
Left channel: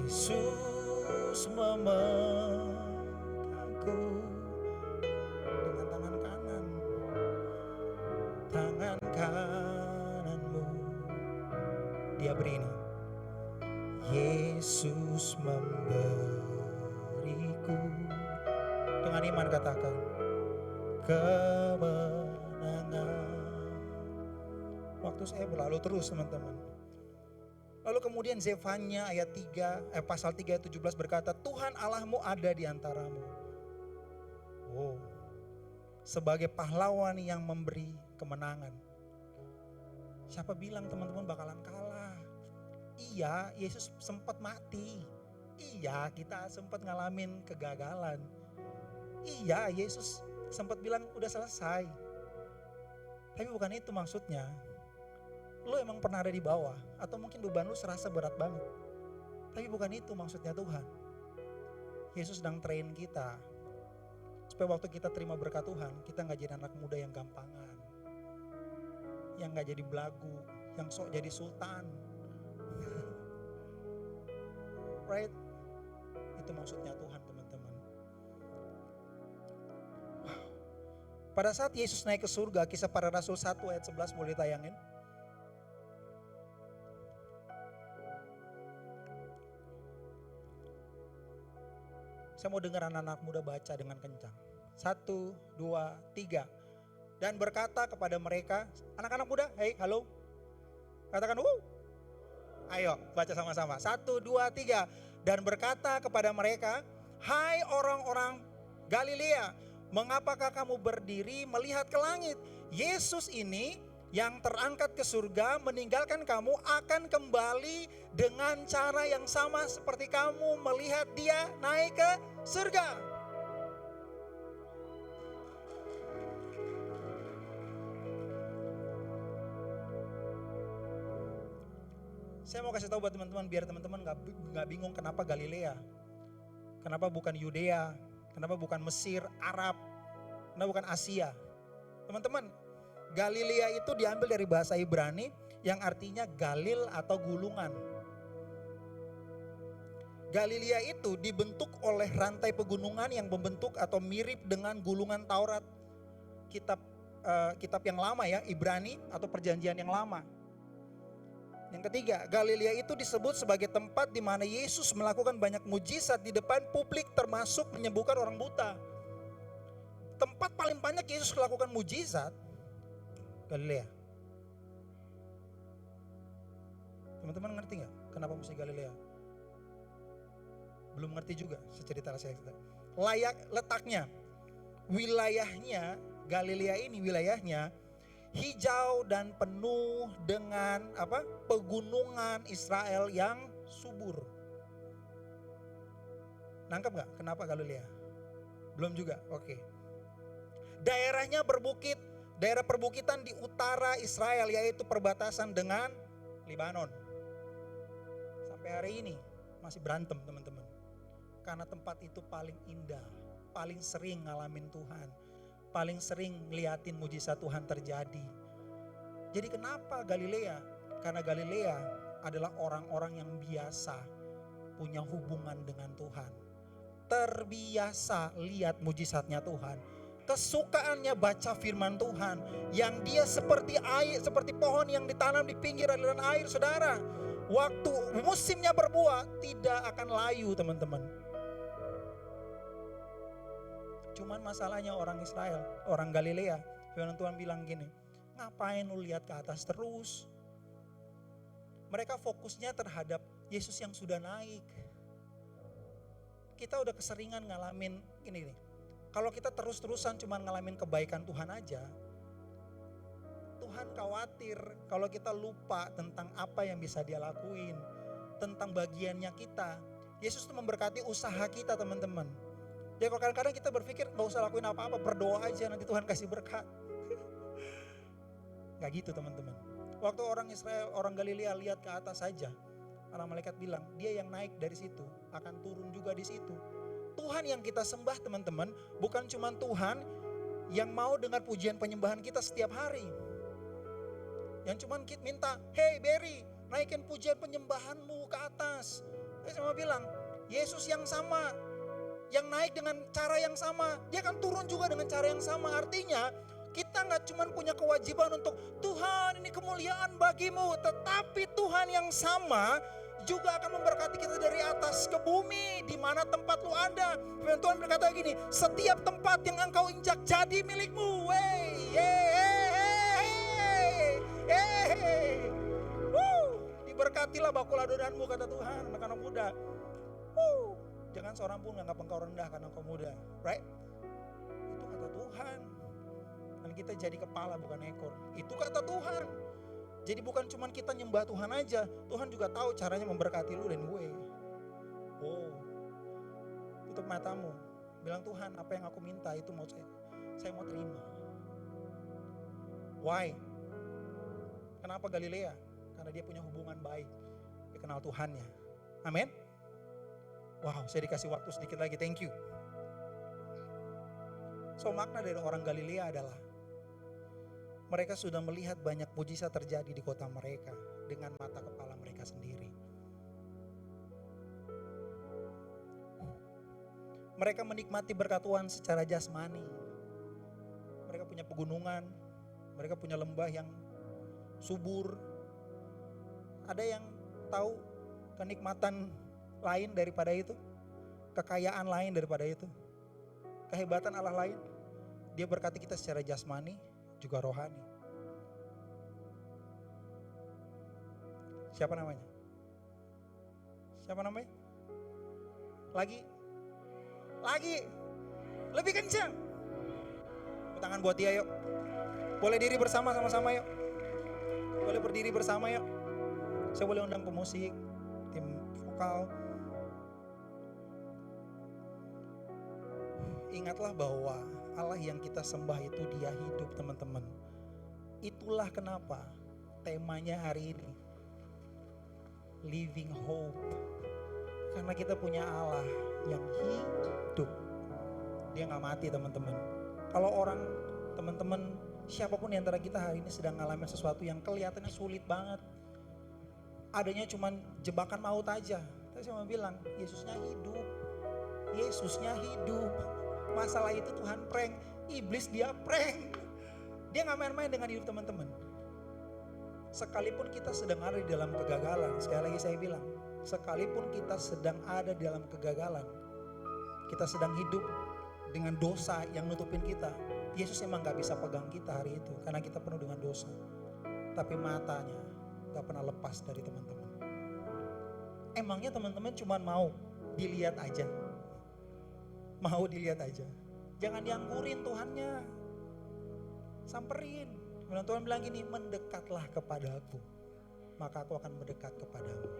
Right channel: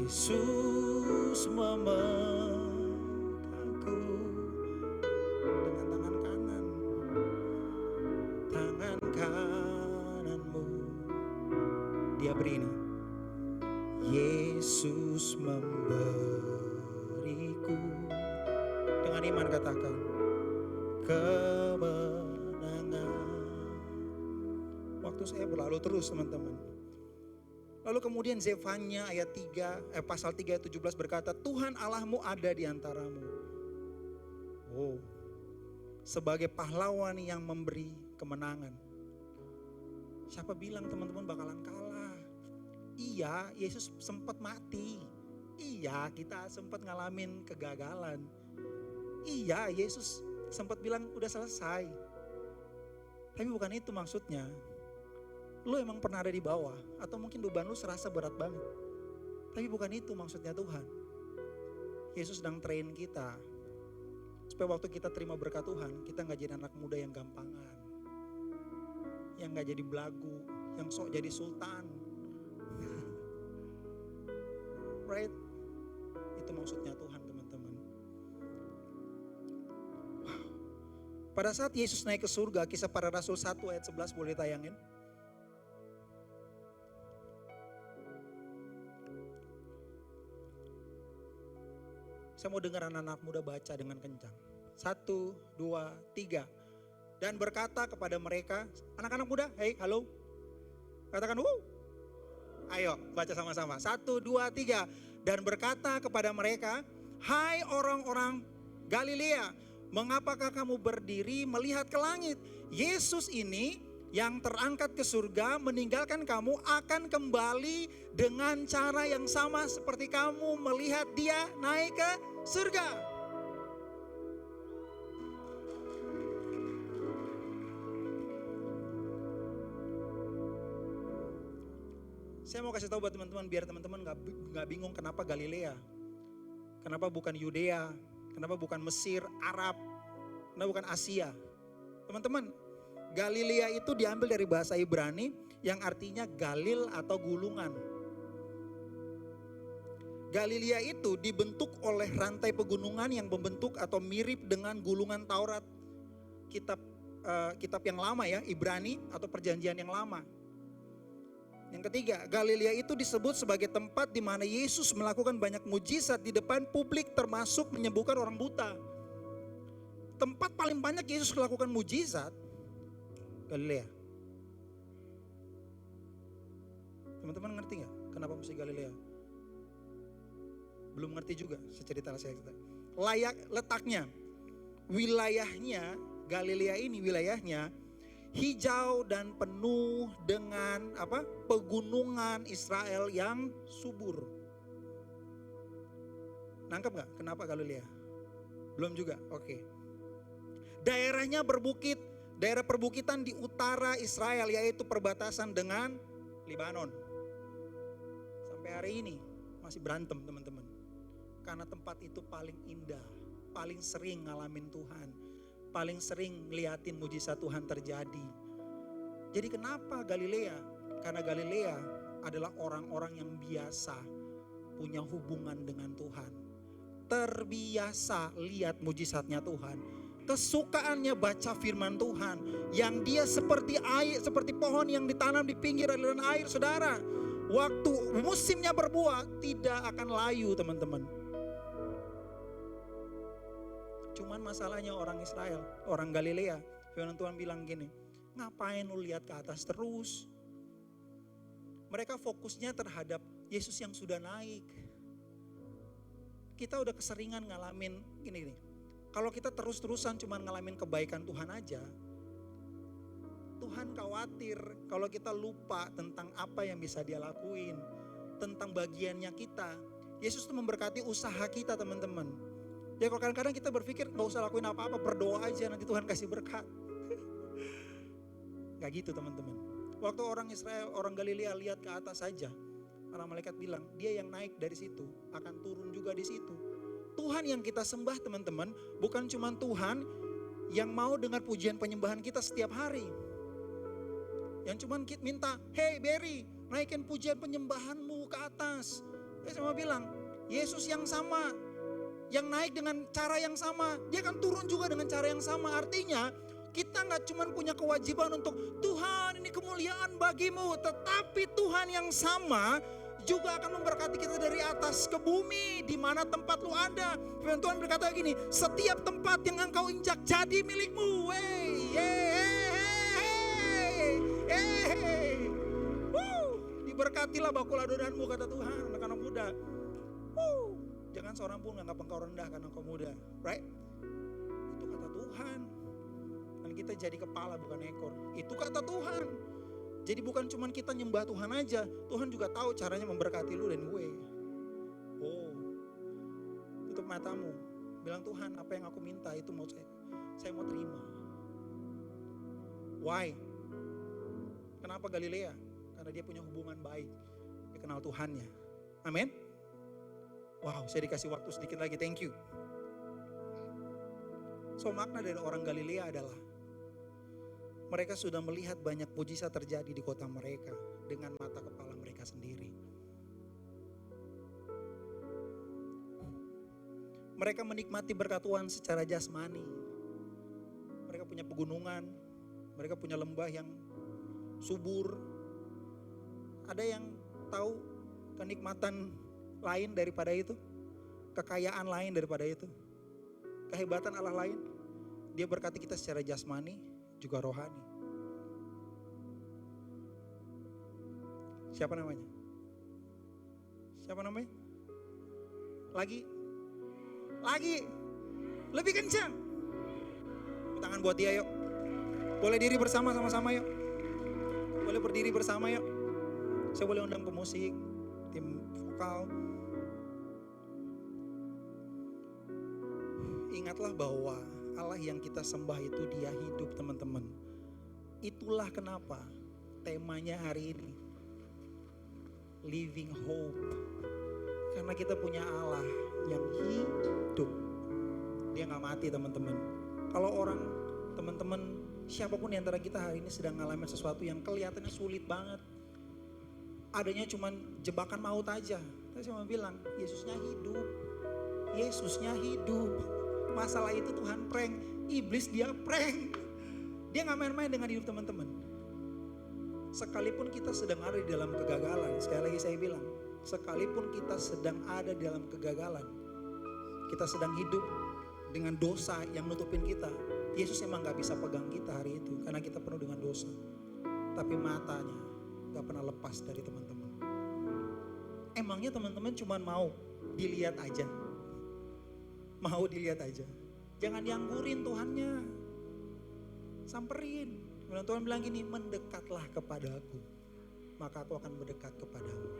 Yesus memegangku dengan tangan kanan, tangan kananmu. Dia beri ini. Yesus memberiku, dengan iman katakan, kemenangan. Waktu saya berlalu terus teman-teman. Lalu kemudian Zefanya ayat 3, pasal 3 ayat 17 berkata, Tuhan Allahmu ada di antaramu. Oh, sebagai pahlawan yang memberi kemenangan. Siapa bilang teman-teman bakalan kalah? Iya, Yesus sempat mati. Iya, kita sempat ngalamin kegagalan. Iya, Yesus sempat bilang udah selesai. Tapi bukan itu maksudnya. Lu emang pernah ada di bawah, atau mungkin beban lu serasa berat banget. Tapi bukan itu maksudnya Tuhan. Yesus sedang train kita. Supaya waktu kita terima berkat Tuhan, kita gak jadi anak muda yang gampangan. Yang gak jadi belagu, yang sok jadi sultan. Right? Itu maksudnya Tuhan teman-teman. Wow. Pada saat Yesus naik ke surga, Kisah Para Rasul 1 ayat 11 boleh ditayangin. Saya mau dengar anak-anak muda baca dengan kencang. 1, 2, 3. Dan berkata kepada mereka, anak-anak muda, hey halo. Katakan ayo baca sama-sama. 1, 2, 3. Dan berkata kepada mereka, hai orang-orang Galilea, mengapakah kamu berdiri melihat ke langit? Yesus ini yang terangkat ke surga meninggalkan kamu akan kembali dengan cara yang sama seperti kamu melihat dia naik ke surga. Saya mau kasih tahu buat teman-teman biar teman-teman nggak bingung kenapa Galilea, kenapa bukan Yudea, kenapa bukan Mesir, Arab, kenapa bukan Asia. Teman-teman, Galilea itu diambil dari bahasa Ibrani yang artinya Galil atau gulungan. Galilea itu dibentuk oleh rantai pegunungan yang membentuk atau mirip dengan gulungan Taurat. Kitab yang lama ya, Ibrani atau perjanjian yang lama. Yang ketiga, Galilea itu disebut sebagai tempat di mana Yesus melakukan banyak mujizat di depan publik termasuk menyembuhkan orang buta. Tempat paling banyak Yesus melakukan mujizat, Galilea. Teman-teman ngerti gak kenapa mesti Galilea? Belum ngerti juga, saya cerita. Letaknya, wilayahnya, Galilea ini wilayahnya hijau dan penuh dengan pegunungan Israel yang subur. Nangkep gak kenapa Galilea? Belum juga, oke. Daerahnya berbukit, daerah perbukitan di utara Israel yaitu perbatasan dengan Lebanon. Sampai hari ini masih berantem teman-teman. Karena tempat itu paling indah, paling sering ngalamin Tuhan, paling sering ngeliatin mujizat Tuhan terjadi. Jadi kenapa Galilea? Karena Galilea adalah orang-orang yang biasa punya hubungan dengan Tuhan. Terbiasa lihat mujizatnya Tuhan. Kesukaannya baca firman Tuhan. Yang dia seperti air, seperti pohon yang ditanam di pinggir aliran air, saudara. Waktu musimnya berbuah tidak akan layu teman-teman. Cuman masalahnya orang Israel, orang Galilea, firman Tuhan bilang gini, ngapain lu lihat ke atas terus? Mereka fokusnya terhadap Yesus yang sudah naik. Kita udah keseringan ngalamin gini. Kalau kita terus-terusan cuma ngalamin kebaikan Tuhan aja, Tuhan khawatir kalau kita lupa tentang apa yang bisa dia lakuin, tentang bagiannya kita. Yesus itu memberkati usaha kita teman-teman. Ya kalau kadang-kadang kita berpikir gak usah lakuin apa-apa, berdoa aja nanti Tuhan kasih berkat. Gak gitu teman-teman. Waktu orang Israel, orang Galilea lihat ke atas saja, para malaikat bilang dia yang naik dari situ akan turun juga di situ. Tuhan yang kita sembah teman-teman bukan cuma Tuhan yang mau dengar pujian penyembahan kita setiap hari. Yang cuma kita minta, hey Berry naikin pujian penyembahanmu ke atas. Saya mau bilang, Yesus yang sama, yang naik dengan cara yang sama, dia akan turun juga dengan cara yang sama. Artinya kita nggak cuma punya kewajiban untuk Tuhan ini kemuliaan bagimu, tetapi Tuhan yang sama juga akan memberkati kita dari atas ke bumi, di mana tempat lu ada. Firman Tuhan berkata gini, setiap tempat yang engkau injak jadi milikmu. Diberkatilah bakul adonanmu, kata Tuhan, anak-anak muda. Jangan seorang pun menganggap engkau rendah karena engkau muda, right? Itu kata Tuhan. Dan kita jadi kepala bukan ekor. Itu kata Tuhan. Jadi bukan cuma kita nyembah Tuhan aja, Tuhan juga tahu caranya memberkati lu dan gue. Tutup matamu, bilang Tuhan, apa yang aku minta itu mau saya mau terima. Why? Kenapa Galilea? Karena dia punya hubungan baik, dia kenal Tuhannya. Amin. Wow, saya dikasih waktu sedikit lagi, thank you. So makna dari orang Galilea adalah mereka sudah melihat banyak mujizat terjadi di kota mereka dengan mata kepala mereka sendiri. Mereka menikmati berkat Tuhan secara jasmani. Mereka punya pegunungan, mereka punya lembah yang subur. Ada yang tahu kenikmatan lain daripada itu? Kekayaan lain daripada itu? Kehebatan Allah lain? Dia berkati kita secara jasmani, juga rohani. Siapa namanya? Siapa namanya? Lagi? Lebih kencang. Tangan buat dia yuk. Boleh diri bersama sama-sama yuk. Boleh berdiri bersama yuk. Saya boleh undang pemusik, tim vokal. Ingatlah bahwa Allah yang kita sembah itu dia hidup, teman-teman. Itulah kenapa temanya hari ini Living Hope. Karena kita punya Allah yang hidup. Dia gak mati, teman-teman. Kalau orang, teman-teman, siapapun di antara kita hari ini sedang ngalamin sesuatu yang kelihatannya sulit banget, adanya cuman jebakan maut aja. Tapi saya mau bilang, Yesusnya hidup. Yesusnya hidup. Masalah itu Tuhan prank, iblis dia prank. Dia gak main-main dengan hidup teman-teman. Sekalipun kita sedang ada di dalam kegagalan, sekali lagi saya bilang, sekalipun kita sedang ada di dalam kegagalan, kita sedang hidup dengan dosa yang nutupin kita, Yesus emang gak bisa pegang kita hari itu, karena kita penuh dengan dosa. Tapi matanya gak pernah lepas dari teman-teman. Emangnya teman-teman cuma mau dilihat aja? Mau dilihat aja. Jangan dianggurin Tuhannya. Samperin. Kemudian Tuhan bilang gini, mendekatlah kepada aku, maka aku akan mendekat kepadamu.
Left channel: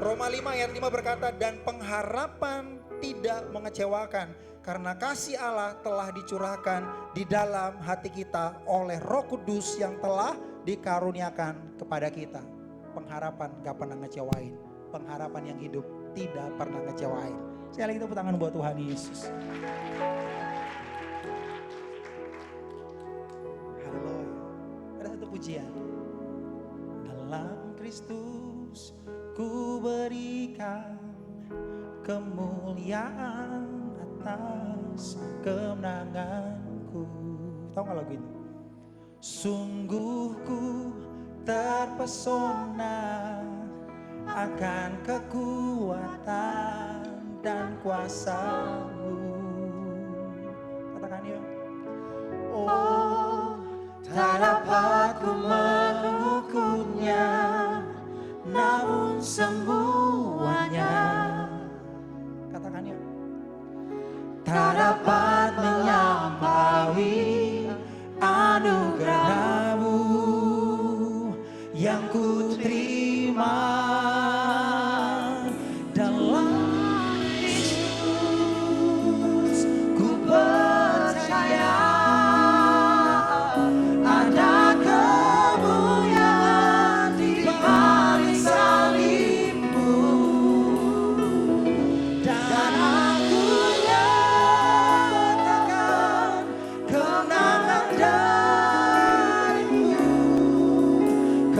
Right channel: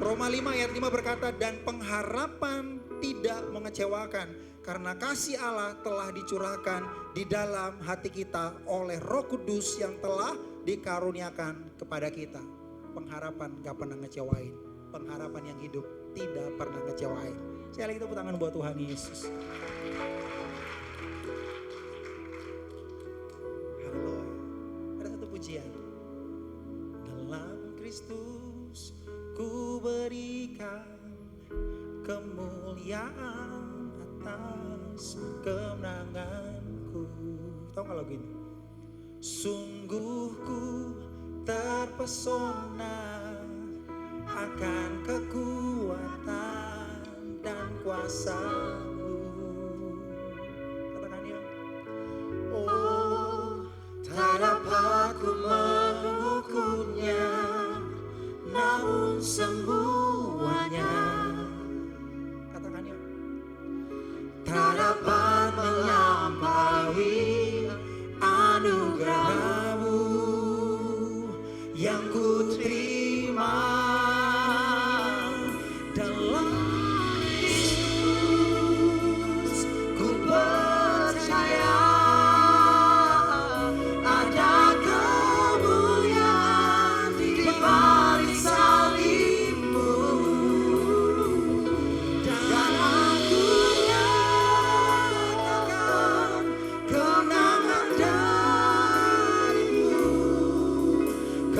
Roma 5 ayat 5 berkata, dan pengharapan tidak mengecewakan, karena kasih Allah telah dicurahkan di dalam hati kita oleh Roh Kudus yang telah dikaruniakan kepada kita. Pengharapan gak pernah ngecewain. Pengharapan yang hidup tidak pernah ngecewain. Sekali lagi tepuk tangan buat Tuhan Yesus. Haleluya. Ada satu pujian. Dalam Kristus ku berikan kemuliaan atas kemenanganku. Tahu gak lagu ini? Sungguh ku terpesona akan kekuatan dan kuasa-Mu. Katakan ya. Oh, tak dapat ku mengukurnya, namun semuanya. Katakan ya. Tak dapat melampaui anugerah-Mu yang ku terima. Dalam Yesus ku percaya ada kemuliaan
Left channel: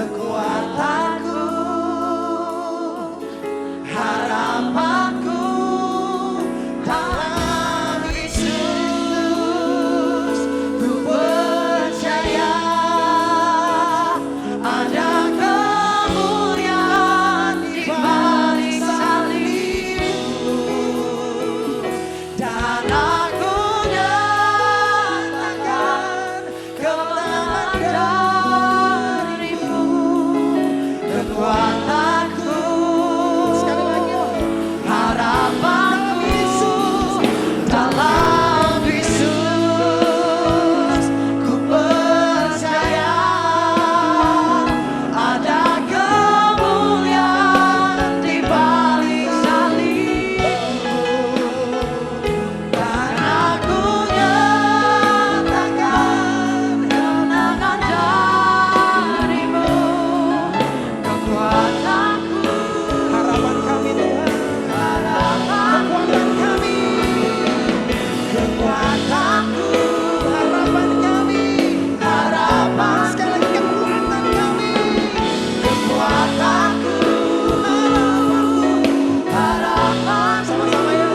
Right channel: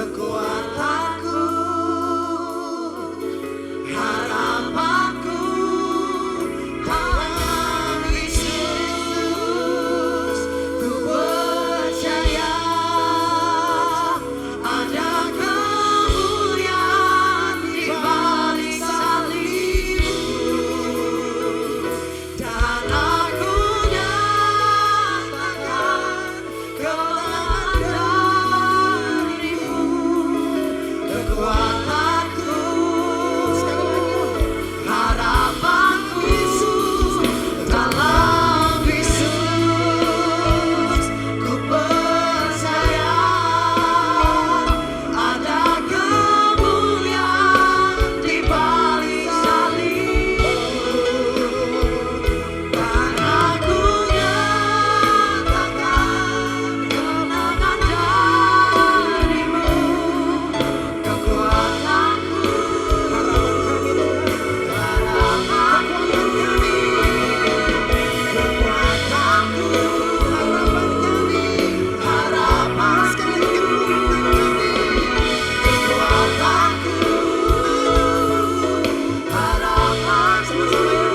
kekuatanku, harapanku dalam Yesus. Ku percaya ada kemuliaan di balik salibmu, dan aku nyatakan kemenangan darimu. Kekuatanku, harapanku dalam Yesus. Ku percaya ada kemuliaan di balik salibmu, dan aku nyatakan kemenangan darimu. Kekuatanku, Harapan kami Tuhan. kekuatanku, harapan kami, harapan sekali kekuatan kami, kekuatanku, harapan sama-sama ya.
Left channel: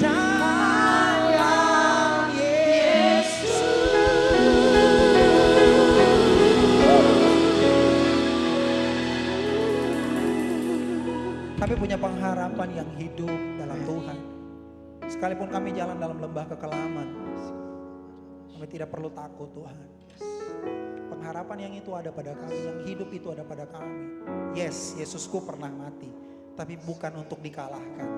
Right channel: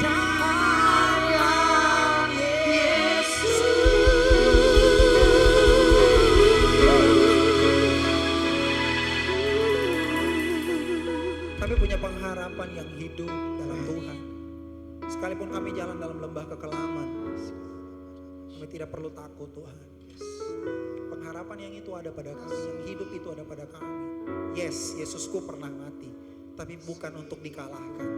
Dalam Yesus. Kami punya pengharapan yang hidup dalam Tuhan. Sekalipun kami jalan dalam lembah kekelaman, kami tidak perlu takut Tuhan. Pengharapan yang itu ada pada kami, yang hidup itu ada pada kami. Yes, Yesusku pernah mati, tapi bukan untuk dikalahkan.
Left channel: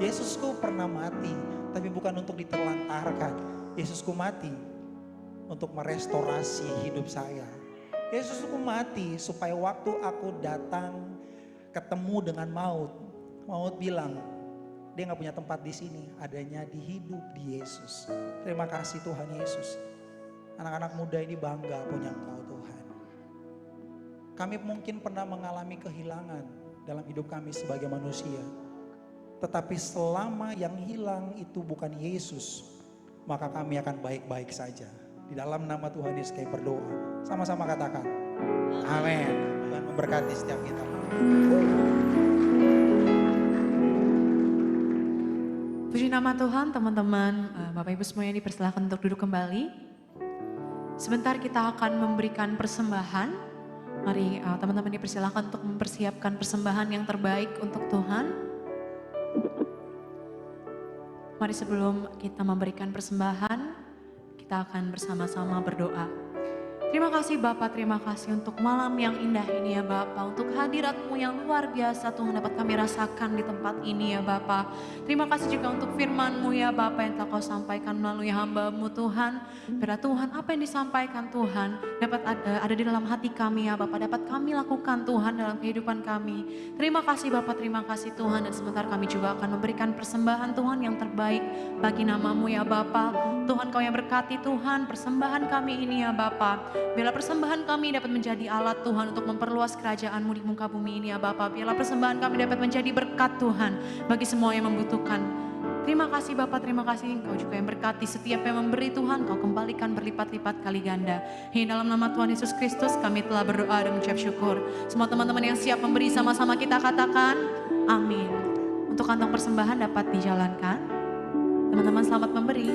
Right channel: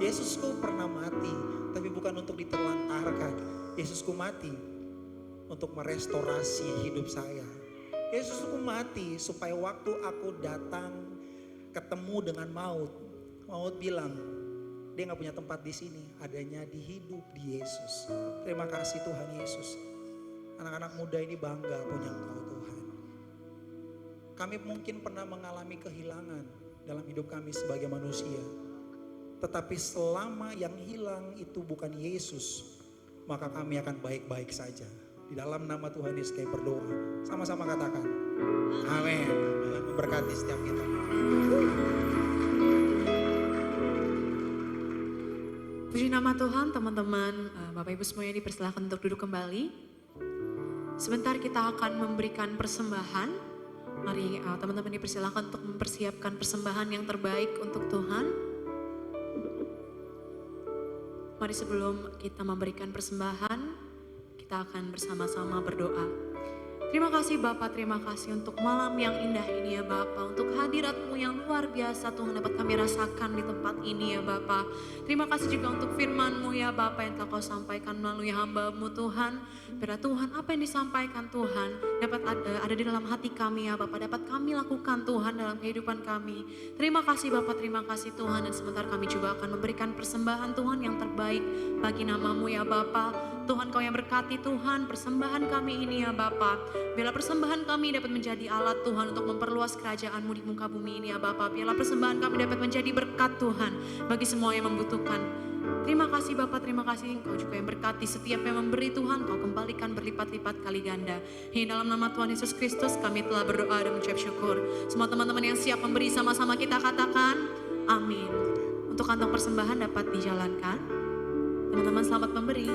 Yesusku pernah mati, tapi bukan untuk diterlantarkan. Yesusku mati untuk merestorasi hidup saya. Yesusku mati supaya waktu aku datang ketemu dengan maut, maut bilang, dia gak punya tempat di sini, adanya di hidup di Yesus. Terima kasih Tuhan Yesus. Anak-anak muda ini bangga punya Engkau Tuhan. Kami mungkin pernah mengalami kehilangan dalam hidup kami sebagai manusia. Tetapi selama yang hilang itu bukan Yesus, maka kami akan baik-baik saja. Di dalam nama Tuhan Yesus kami berdoa. Sama-sama katakan, amin. Tuhan memberkati setiap kita. Puji nama Tuhan, teman-teman, Bapak Ibu semuanya dipersilakan untuk duduk kembali. Sebentar kita akan memberikan persembahan. Mari teman-teman dipersilakan untuk mempersiapkan persembahan yang terbaik untuk Tuhan. Mari sebelum kita memberikan persembahan, kita akan bersama-sama berdoa. Terima kasih Bapak, terima kasih untuk malam yang indah ini ya Bapak. Untuk hadirat-Mu yang luar biasa Tuhan dapat kami rasakan di tempat ini ya Bapak. Terima kasih juga untuk firman-Mu ya Bapak yang telah Kau sampaikan melalui hamba-Mu Tuhan. Biarlah Tuhan apa yang disampaikan Tuhan dapat ada di dalam hati kami ya Bapak. Dapat kami lakukan Tuhan dalam kehidupan kami. Terima kasih Bapak, terima kasih Tuhan. Dan sebentar kami juga akan memberikan persembahan Tuhan yang terbaik bagi nama-Mu ya Bapak. Tuhan Kau yang berkati Tuhan persembahan kami ini ya Bapak. Biarlah persembahan kami dapat menjadi alat Tuhan untuk memperluas kerajaan-Mu di muka bumi ini ya Bapak. Biarlah persembahan kami dapat menjadi berkat Tuhan bagi semua yang membutuhkan. Terima kasih Bapak, terima kasih Engkau juga yang berkati setiap yang memberi Tuhan, Kau kembalikan berlipat-lipat kali ganda. Di dalam nama Tuhan Yesus Kristus kami telah berdoa dan mengucap syukur. Semua teman-teman yang siap memberi sama-sama kita katakan amin. Untuk kantong persembahan dapat dijalankan. Teman-teman selamat memberi.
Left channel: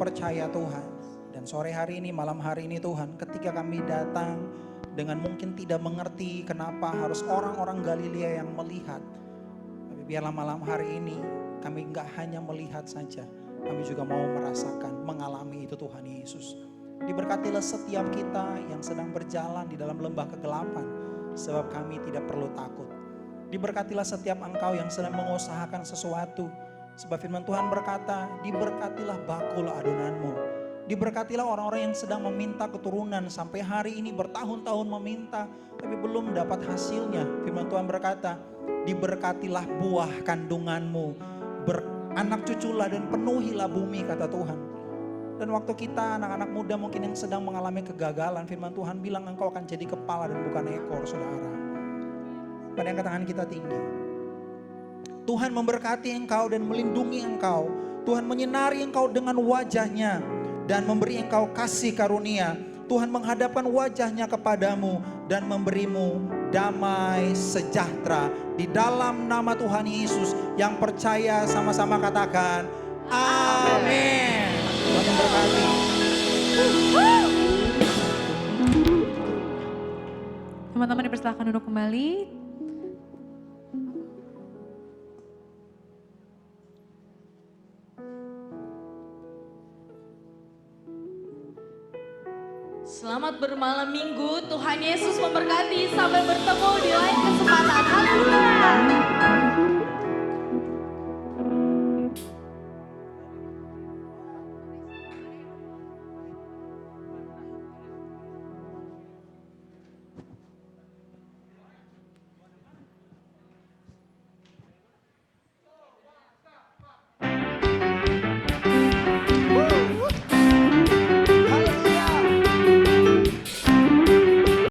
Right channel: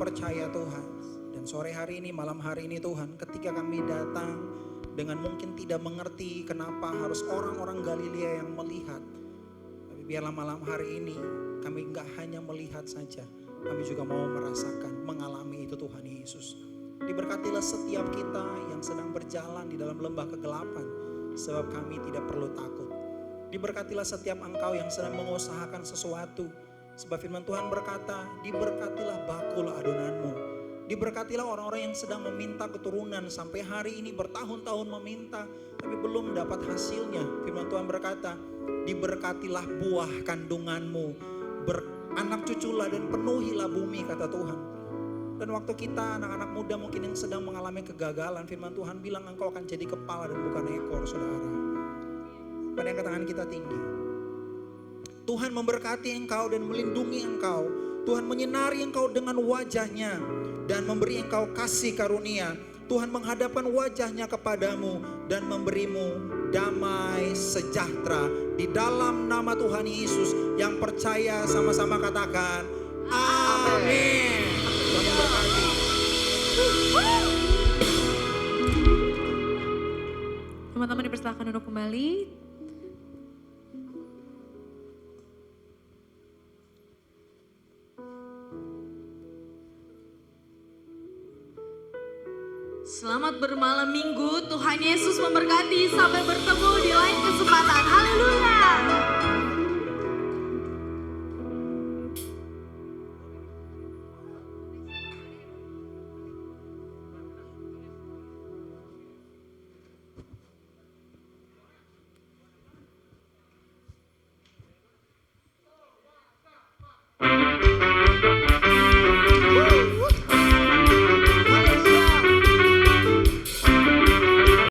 percaya Tuhan. Dan sore hari ini, malam hari ini Tuhan, ketika kami datang dengan mungkin tidak mengerti kenapa harus orang-orang Galilea yang melihat. Tapi biarlah malam hari ini kami enggak hanya melihat saja, kami juga mau merasakan, mengalami itu Tuhan Yesus. Diberkatilah setiap kita yang sedang berjalan di dalam lembah kegelapan, sebab kami tidak perlu takut. Diberkatilah setiap engkau yang sedang mengusahakan sesuatu, sebab firman Tuhan berkata, diberkatilah bakul adonanmu. Diberkatilah orang-orang yang sedang meminta keturunan sampai hari ini bertahun-tahun meminta, tapi belum dapat hasilnya. Firman Tuhan berkata, diberkatilah buah kandunganmu, beranak cuculah dan penuhilah bumi, kata Tuhan. Dan waktu kita anak-anak muda mungkin yang sedang mengalami kegagalan, firman Tuhan bilang engkau akan jadi kepala dan bukan ekor, saudara. Pada angkat tangan kita tinggi. Tuhan memberkati engkau dan melindungi engkau. Tuhan menyinari engkau dengan wajahnya dan memberi engkau kasih karunia. Tuhan menghadapkan wajahnya kepadamu dan memberimu damai sejahtera. Di dalam nama Tuhan Yesus, yang percaya sama-sama katakan amin. Tuhan memberkati. Teman-teman dipersilakan duduk kembali. Selamat bermalam minggu, Tuhan Yesus memberkati. Sampai bertemu di lain kesempatan. Haleluya.